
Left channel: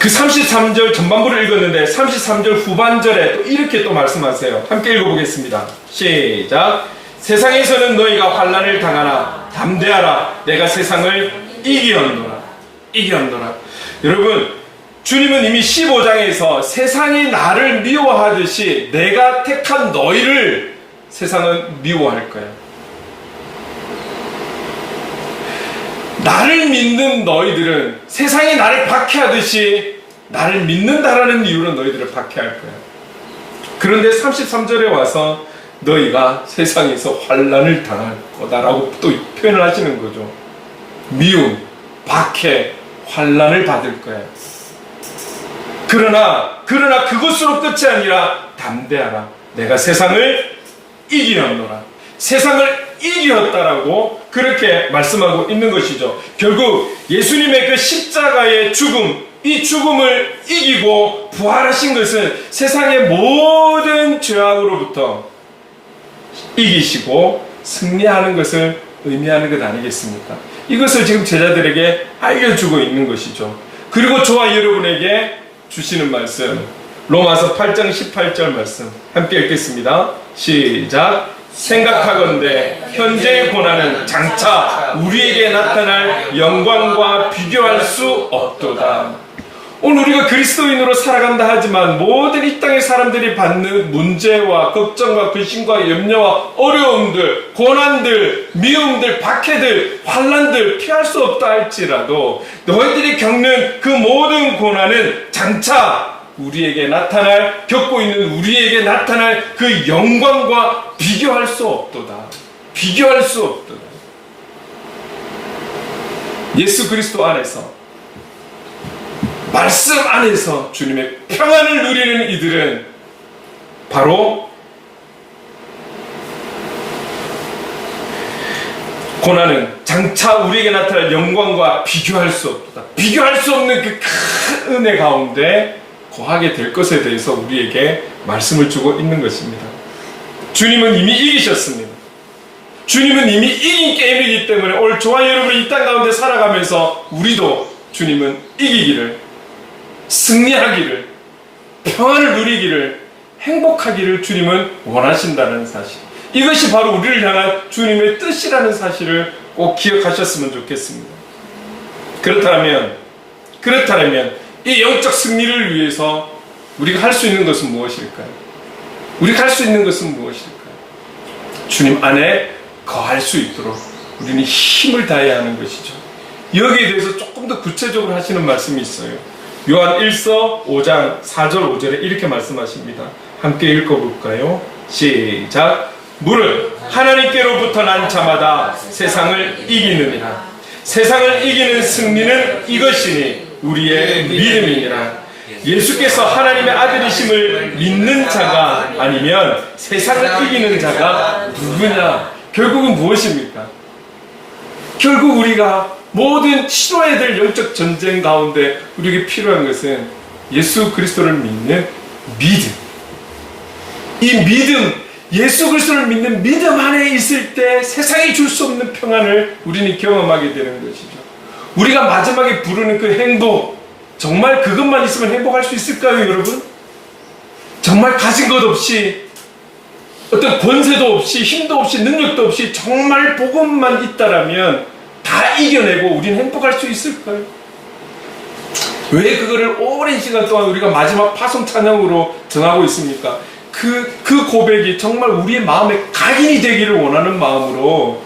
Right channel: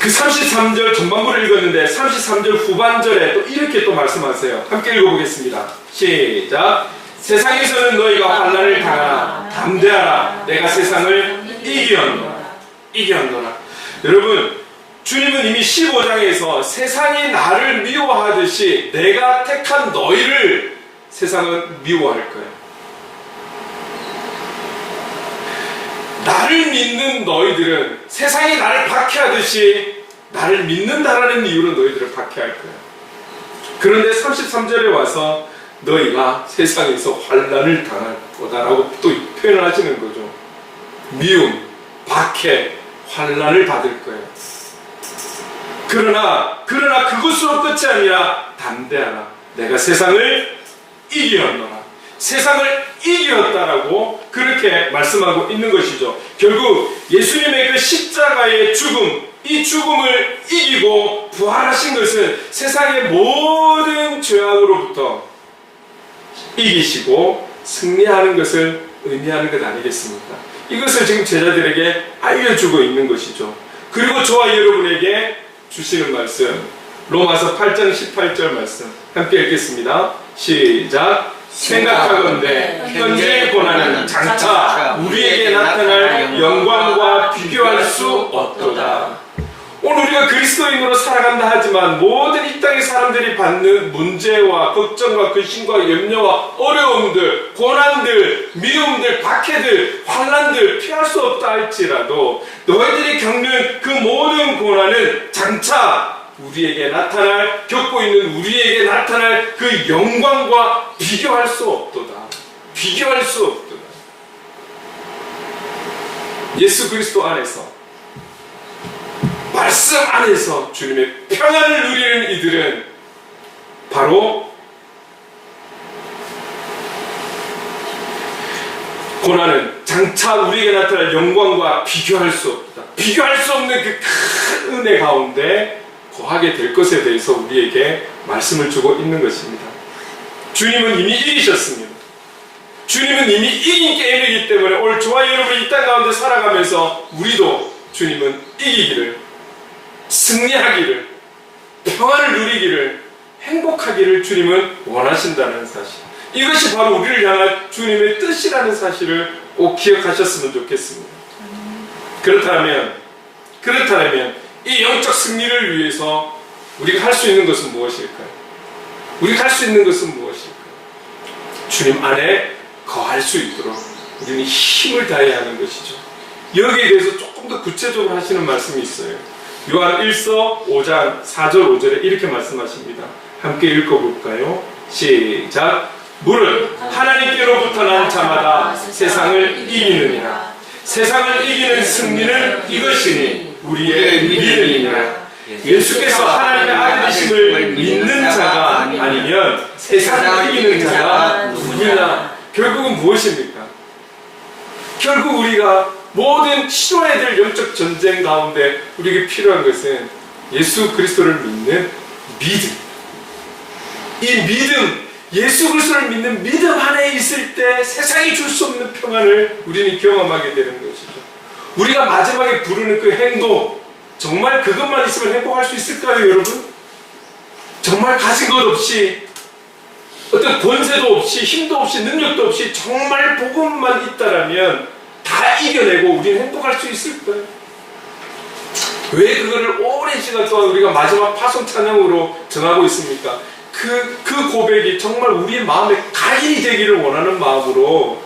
그 33절 전반부를 읽었는데 33절 후반절에 또 이렇게 또 말씀하세요. 함께 읽어보겠습니다. 시작. 세상에서는 너희가 환난을 당하나 담대하라. 내가 세상을 이기었노라. 이기었노라. 여러분, 주님은 이미 15장에서 세상이 나를 미워하듯이 내가 택한 너희를 세상은 미워할 거야. 나를 믿는 너희들은 세상이 나를 박해하듯이 나를 믿는다라는 이유로 너희들을 박해할 거야. 그런데 33절에 와서 너희가 세상에서 환난을 당할 거다라고 또 표현을 하시는 거죠. 미움, 박해, 환난을 받을 거야. 그러나 그것으로 끝이 아니라 담대하라. 내가 세상을 이기었노라. 세상을 이기었다라고 그렇게 말씀하고 있는 것이죠. 결국 예수님의 그 십자가의 죽음, 이 죽음을 이기고 부활하신 것은 세상의 모든 죄악으로부터 이기시고 승리하는 것을 의미하는 것 아니겠습니까? 이것을 지금 제자들에게 알려주고 있는 것이죠. 그리고 저와 여러분에게 주시는 말씀, 로마서 8장 18절 말씀 함께 읽겠습니다. 시작. 생각하건대 현재의 고난은 장차 우리에게 나타날 영광과 비교할 수 없도다. 오늘 우리가 그리스도인으로 살아간다 하지만 모든 이 땅의 사람들이 받는 문제와 걱정과 근심과 염려와 어려움들, 고난들, 미움들, 박해들, 환난들 피할 수 없다 할지라도 너희들이 겪는 그 모든 고난은 장차 우리에게 나타날, 겪고 있는 우리에게 나타날 그 영광과 비교할 수 없도다. 비교할 수 없도다. 예수 그리스도 안에서, 말씀 안에서 주님의 평안을 누리는 이들은 바로 고난은 장차 우리에게 나타날 영광과 비교할 수 없다. 비교할 수 없는 그 큰 은혜 가운데 거하게 될 것에 대해서 우리에게 말씀을 주고 있는 것입니다. 주님은 이미 이기셨습니다. 주님은 이미 이긴 게임이기 때문에 오늘 저와 여러분이 이 땅 가운데 살아가면서 우리도 주님은 이기기를, 승리하기를, 평안을 누리기를, 행복하기를 주님은 원하신다는 사실, 이것이 바로 우리를 향한 주님의 뜻이라는 사실을 꼭 기억하셨으면 좋겠습니다. 그렇다면 이 영적 승리를 위해서 우리가 할 수 있는 것은 무엇일까요? 우리가 할 수 있는 것은 무엇일까요? 주님 안에 거할 수 있도록 우리는 힘을 다해야 하는 것이죠. 여기에 대해서 조금 더 구체적으로 하시는 말씀이 있어요. 요한 1서 5장 4절 5절에 이렇게 말씀하십니다. 함께 읽어볼까요? 시작. 물은 하나님께로부터 난 자마다 세상을 이기느니라. 세상을 이기는 승리는 이것이니 우리의 믿음이니라. 예수께서 하나님의 아들이심을 믿는 자가 아니면 세상을 이기는 자가 누구냐? 결국은 무엇입니까? 결국 우리가 모든 치러야 될 영적 전쟁 가운데 우리에게 필요한 것은 예수 그리스도를 믿는 믿음. 이 믿음, 예수 그리스도를 믿는 믿음 안에 있을 때 세상이 줄 수 없는 평안을 우리는 경험하게 되는 것이죠. 우리가 마지막에 부르는 그 행복, 정말 그것만 있으면 행복할 수 있을까요, 여러분? 정말 가진 것 없이, 어떤 권세도 없이, 힘도 없이, 능력도 없이 정말 복음만 있다라면 다 이겨내고 우리는 행복할 수 있을까요? 왜 그거를 오랜 시간 동안 우리가 마지막 파송 찬양으로 정하고 있습니까? 그 고백이 정말 우리의 마음에 각인이 되기를 원하는 마음으로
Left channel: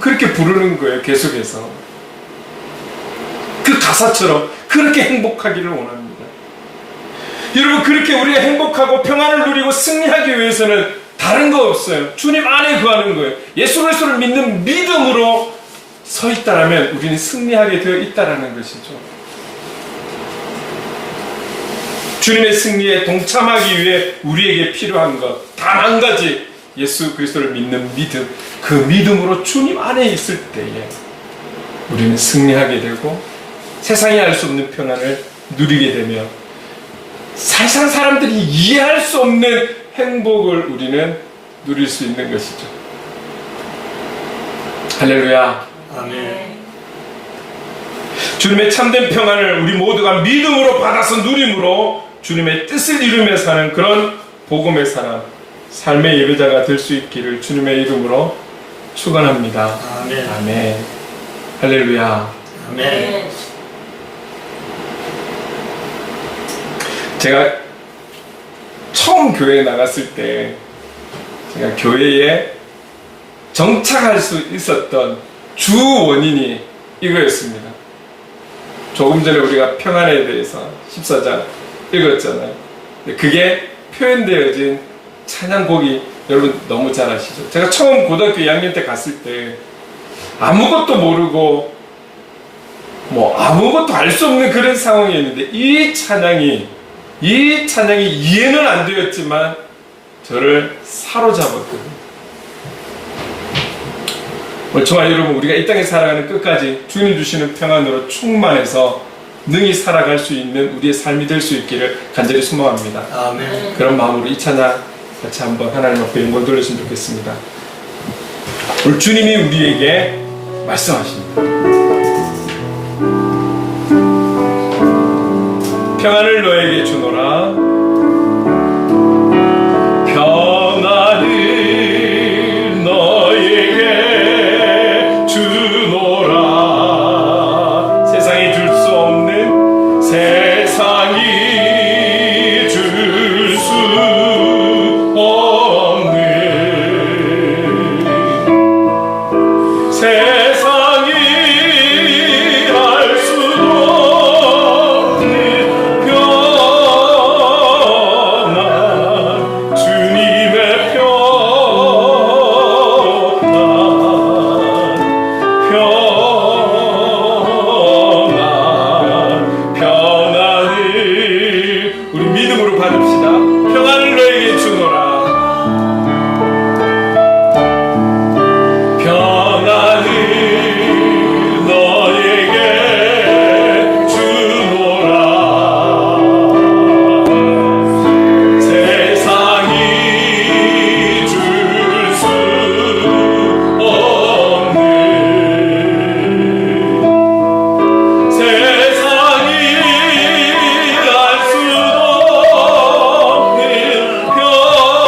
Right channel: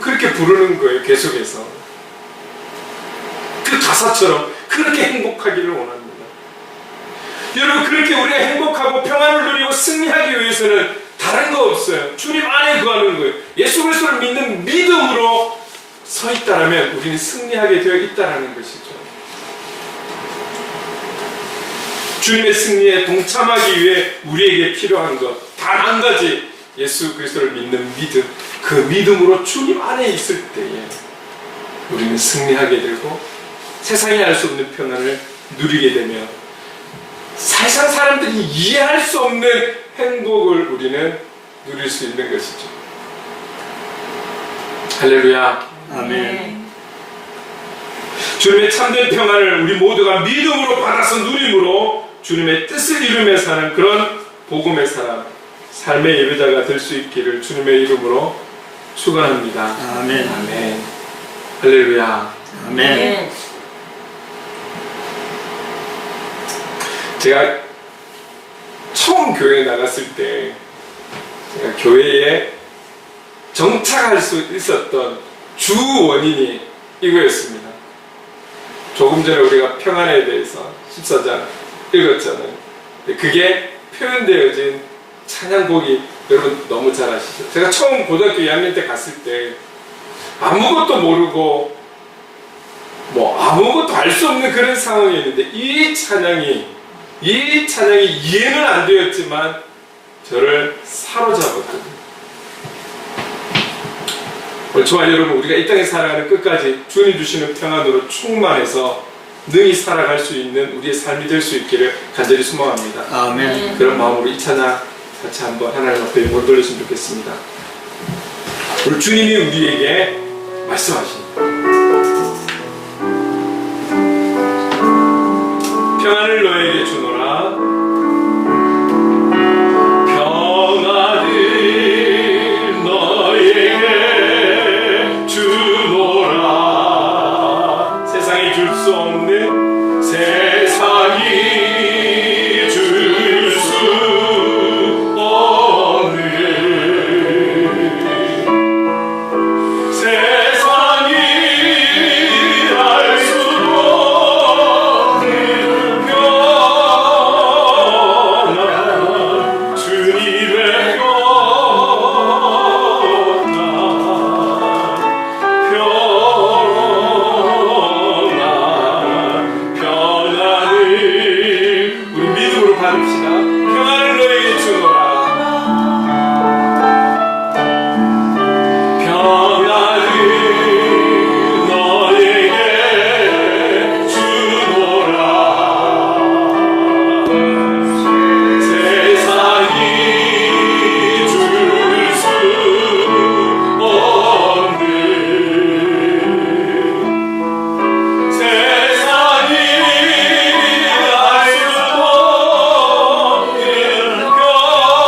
그렇게 부르는 거예요, 계속해서. 그 가사처럼 그렇게 행복하기를 원합니다. 여러분, 그렇게 우리가 행복하고 평안을 누리고 승리하기 위해서는 다른 거 없어요. 주님 안에 거하는 거예요. 예수 그리스도를 믿는 믿음으로 서 있다라면 우리는 승리하게 되어 있다라는 것이죠. 주님의 승리에 동참하기 위해 우리에게 필요한 것 단 한 가지, 예수 그리스도를 믿는 믿음. 그 믿음으로 주님 안에 있을 때에 우리는 승리하게 되고 세상에 알 수 없는 평안을 누리게 되며 세상 사람들이 이해할 수 없는 행복을 우리는 누릴 수 있는 것이죠. 할렐루야. 아멘. 주님의 참된 평안을 우리 모두가 믿음으로 받아서 누림으로 주님의 뜻을 이루며 사는 그런 복음의 사람, 삶의 예배자가 될 수 있기를 주님의 이름으로 축원합니다. 아멘. 아멘. 할렐루야. 아멘. 제가 처음 교회에 나갔을 때 제가 교회에 정착할 수 있었던 주 원인이 이거였습니다. 조금 전에 우리가 평안에 대해서 14장 읽었잖아요. 근데 그게 표현되어진 찬양곡이 여러분 너무 잘 아시죠? 제가 처음 고등학교 2학년 때 갔을 때 아무것도 모르고 뭐 아무것도 알 수 없는 그런 상황이었는데 이 찬양이 이해는 안 되었지만 저를 사로잡았거든요. 오늘 저와 여러분, 우리가 이 땅에 살아가는 끝까지 주님 주시는 평안으로 충만해서 능히 살아갈 수 있는 우리의 삶이 될 수 있기를 간절히 소망합니다. 아멘. 그런 마음으로 이 찬양 같이 한번 하나님 앞에 영광 돌리시면 좋겠습니다. 오늘 주님이 우리에게 말씀하십니다. 평안을 너에게 주노라. 평안을 너에게 주노라. 세상이 줄 수 없는, 세상이 줄 수 없는, 세상이 알 수 없는 평안, 주님의 평안을 우리 믿음으로 받읍시다. 평안을 너에게 주노라. 평안을 너에게 주노라. 세상이 줄 수 없는, 세상이 알 수 없는 평안,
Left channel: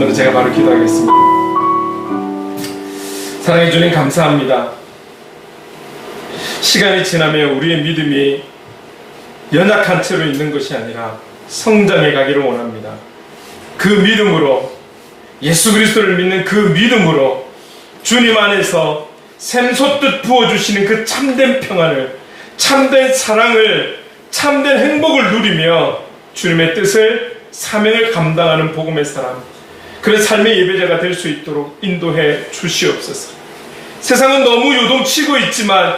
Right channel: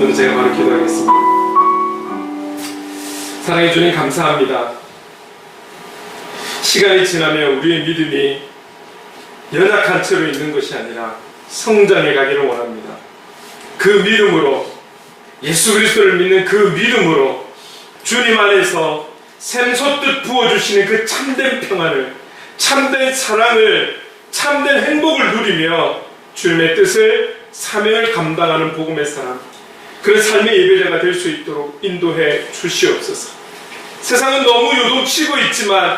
오늘 제가 바로 기도하겠습니다. 사랑해 주님 감사합니다. 시간이 지나면 우리의 믿음이 연약한 채로 있는 것이 아니라 성장해 가기를 원합니다. 그 믿음으로, 예수 그리스도를 믿는 그 믿음으로 주님 안에서 샘솟듯 부어주시는 그 참된 평안을, 참된 사랑을, 참된 행복을 누리며 주님의 뜻을, 사명을 감당하는 복음의 사람, 그런 삶의 예배자가 될 수 있도록 인도해 주시옵소서. 세상은 너무 요동치고 있지만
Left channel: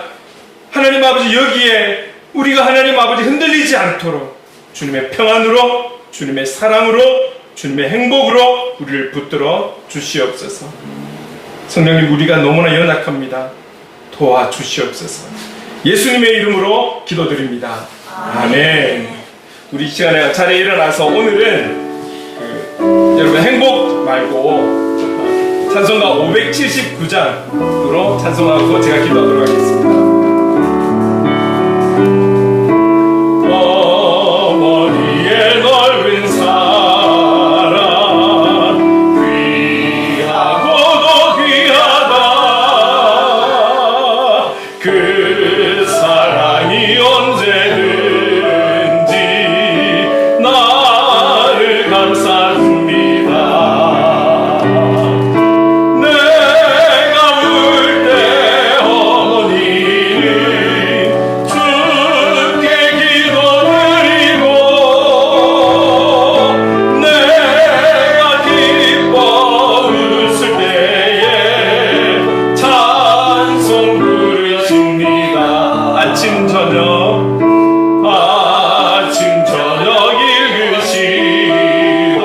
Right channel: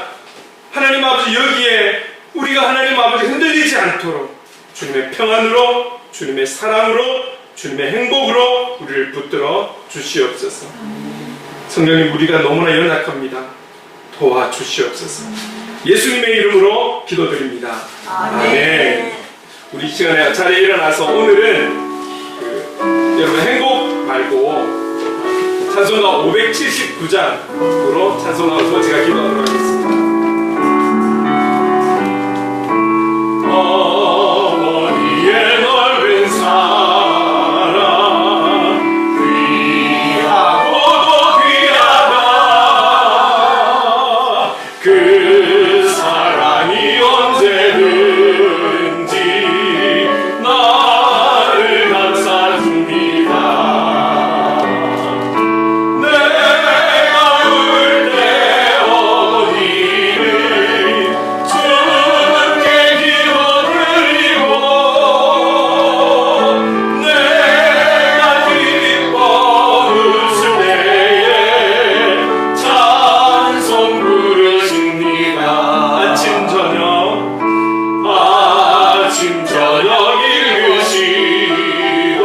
하나님 아버지, 여기에 우리가 하나님 아버지 흔들리지 않도록 주님의 평안으로, 주님의 사랑으로, 주님의 행복으로 우리를 붙들어 주시옵소서. 성령님, 우리가 너무나 연약합니다. 도와주시옵소서. 예수님의 이름으로 기도드립니다. 아멘. 우리 시간에 자리에 일어나서 오늘은 여러분 행복 말고 찬송가 579장으로 찬송하고 제가 기도하도록 하겠습니다. 어머니의 넓은 사랑 귀하고도 귀하다. 그 사랑이 언제든지 나를 감싸줍니다. 내가 울 때 어머니는 주께 기도드리고, 내가 기뻐 웃을 때에 찬송 부르십니다. 아침 저녁 읽으시던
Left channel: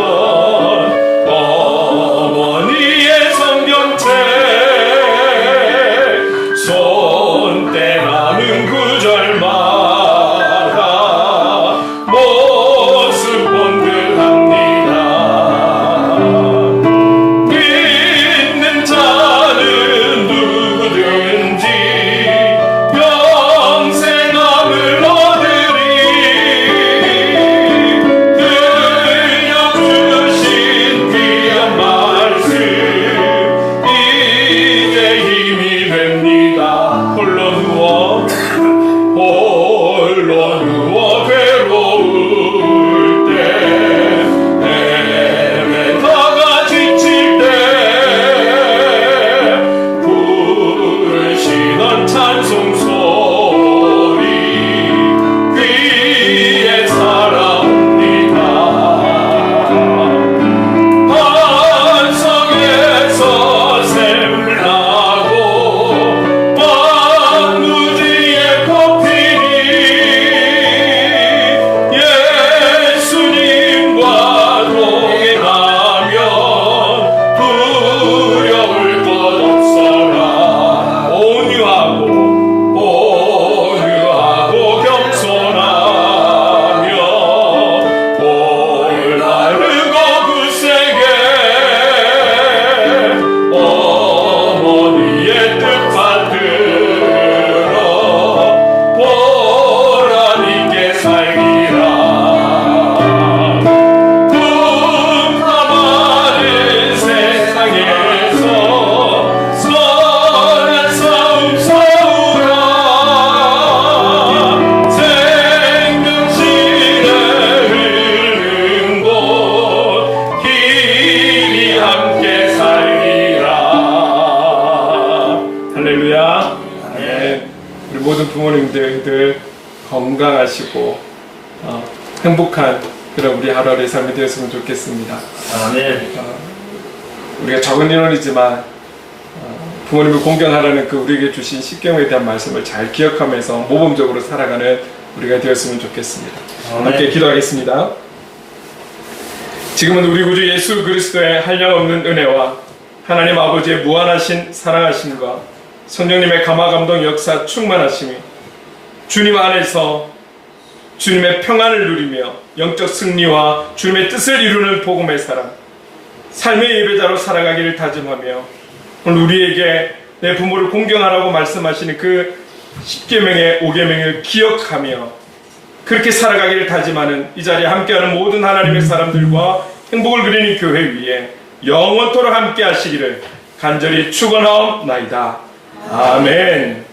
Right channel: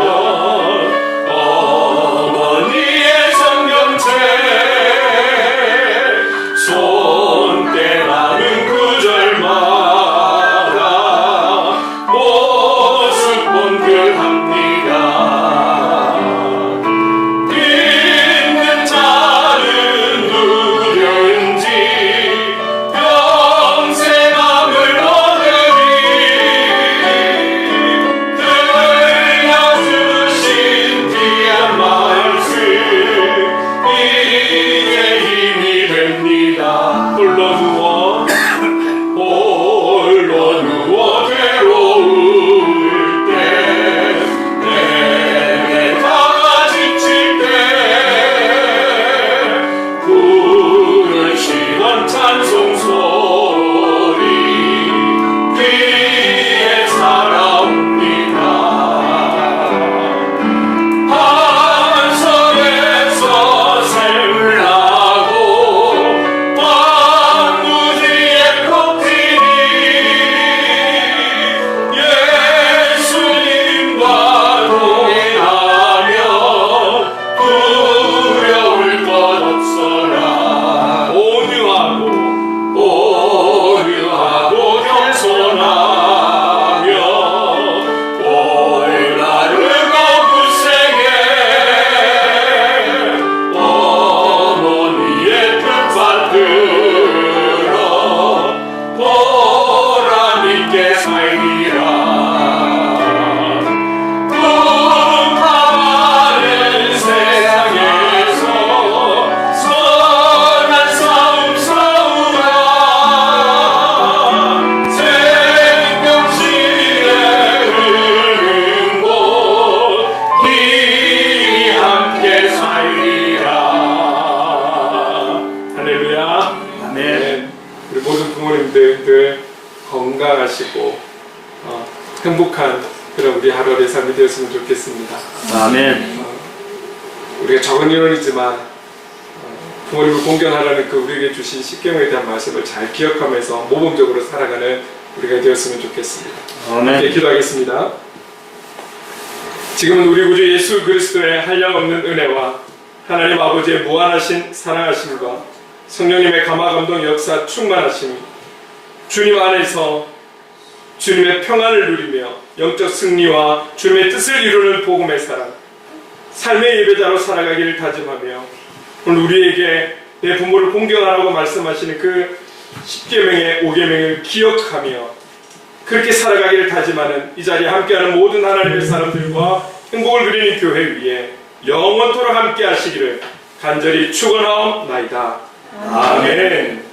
어머니의 성경책, 손때 남은 구절마다 모습 본격합니다. 믿는 자는 누구든지 평생 남을 얻으리. 들려주신 귀한 말씀, 이게 힘이 됩니다. 홀로 누워 괴로울 때, 헤매다가 지칠 때 부르시던 찬송 소리 귀에 살아옵니다. 한성에서 샘나고 황무지에 꽃피니 예수님과 동행하면 두려울 것 없어라. 온유하고 겸손하며 올바르고 굳세게 어머니의 뜻 받들어 보람 있게 살리라. 풍파많은 세상에서 선한 싸움 싸우라. 생명신의 흐르는 곳 길이 함께 살리라. 할렐루야. 아멘. 우리 모든 부모님들 건강하시고 행복한 그런 우리 하루하루의 삶이 되었으면 좋겠습니다. 아멘. 우리가 적은 인원이지만 부모님을 공경하라는 그 우리에게 주신 십계명에 대한 말씀을 잘 기억하면서 모범적으로 살아가는 우리가 되었으면 좋겠습니다. 함께 기도하겠습니다. 지금은 우리 구주 예수 그리스도의 한량없는 은혜와 하나님 아버지의 무한하신 사랑하심과 성령님의 감화감동 역사 충만하심이 주님 안에서 주님의 평안을 누리며 영적 승리와 주님의 뜻을 이루는 복음의 사랑, 삶의 예배자로 살아가기를 다짐하며 오늘 우리에게 내 부모를 공경하라고 말씀하시는 그 10계명의 5계명을 기억하며 그렇게 살아가기를 다짐하는 이 자리에 함께하는 모든 하나님의 사람들과 행복을 누리는 교회 위에 영원토록 함께 하시기를 간절히 축원하옵나이다. 아멘.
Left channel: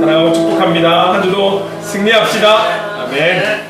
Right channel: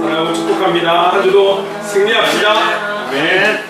사랑하고 축복합니다. 한 주도 승리합시다. 아멘.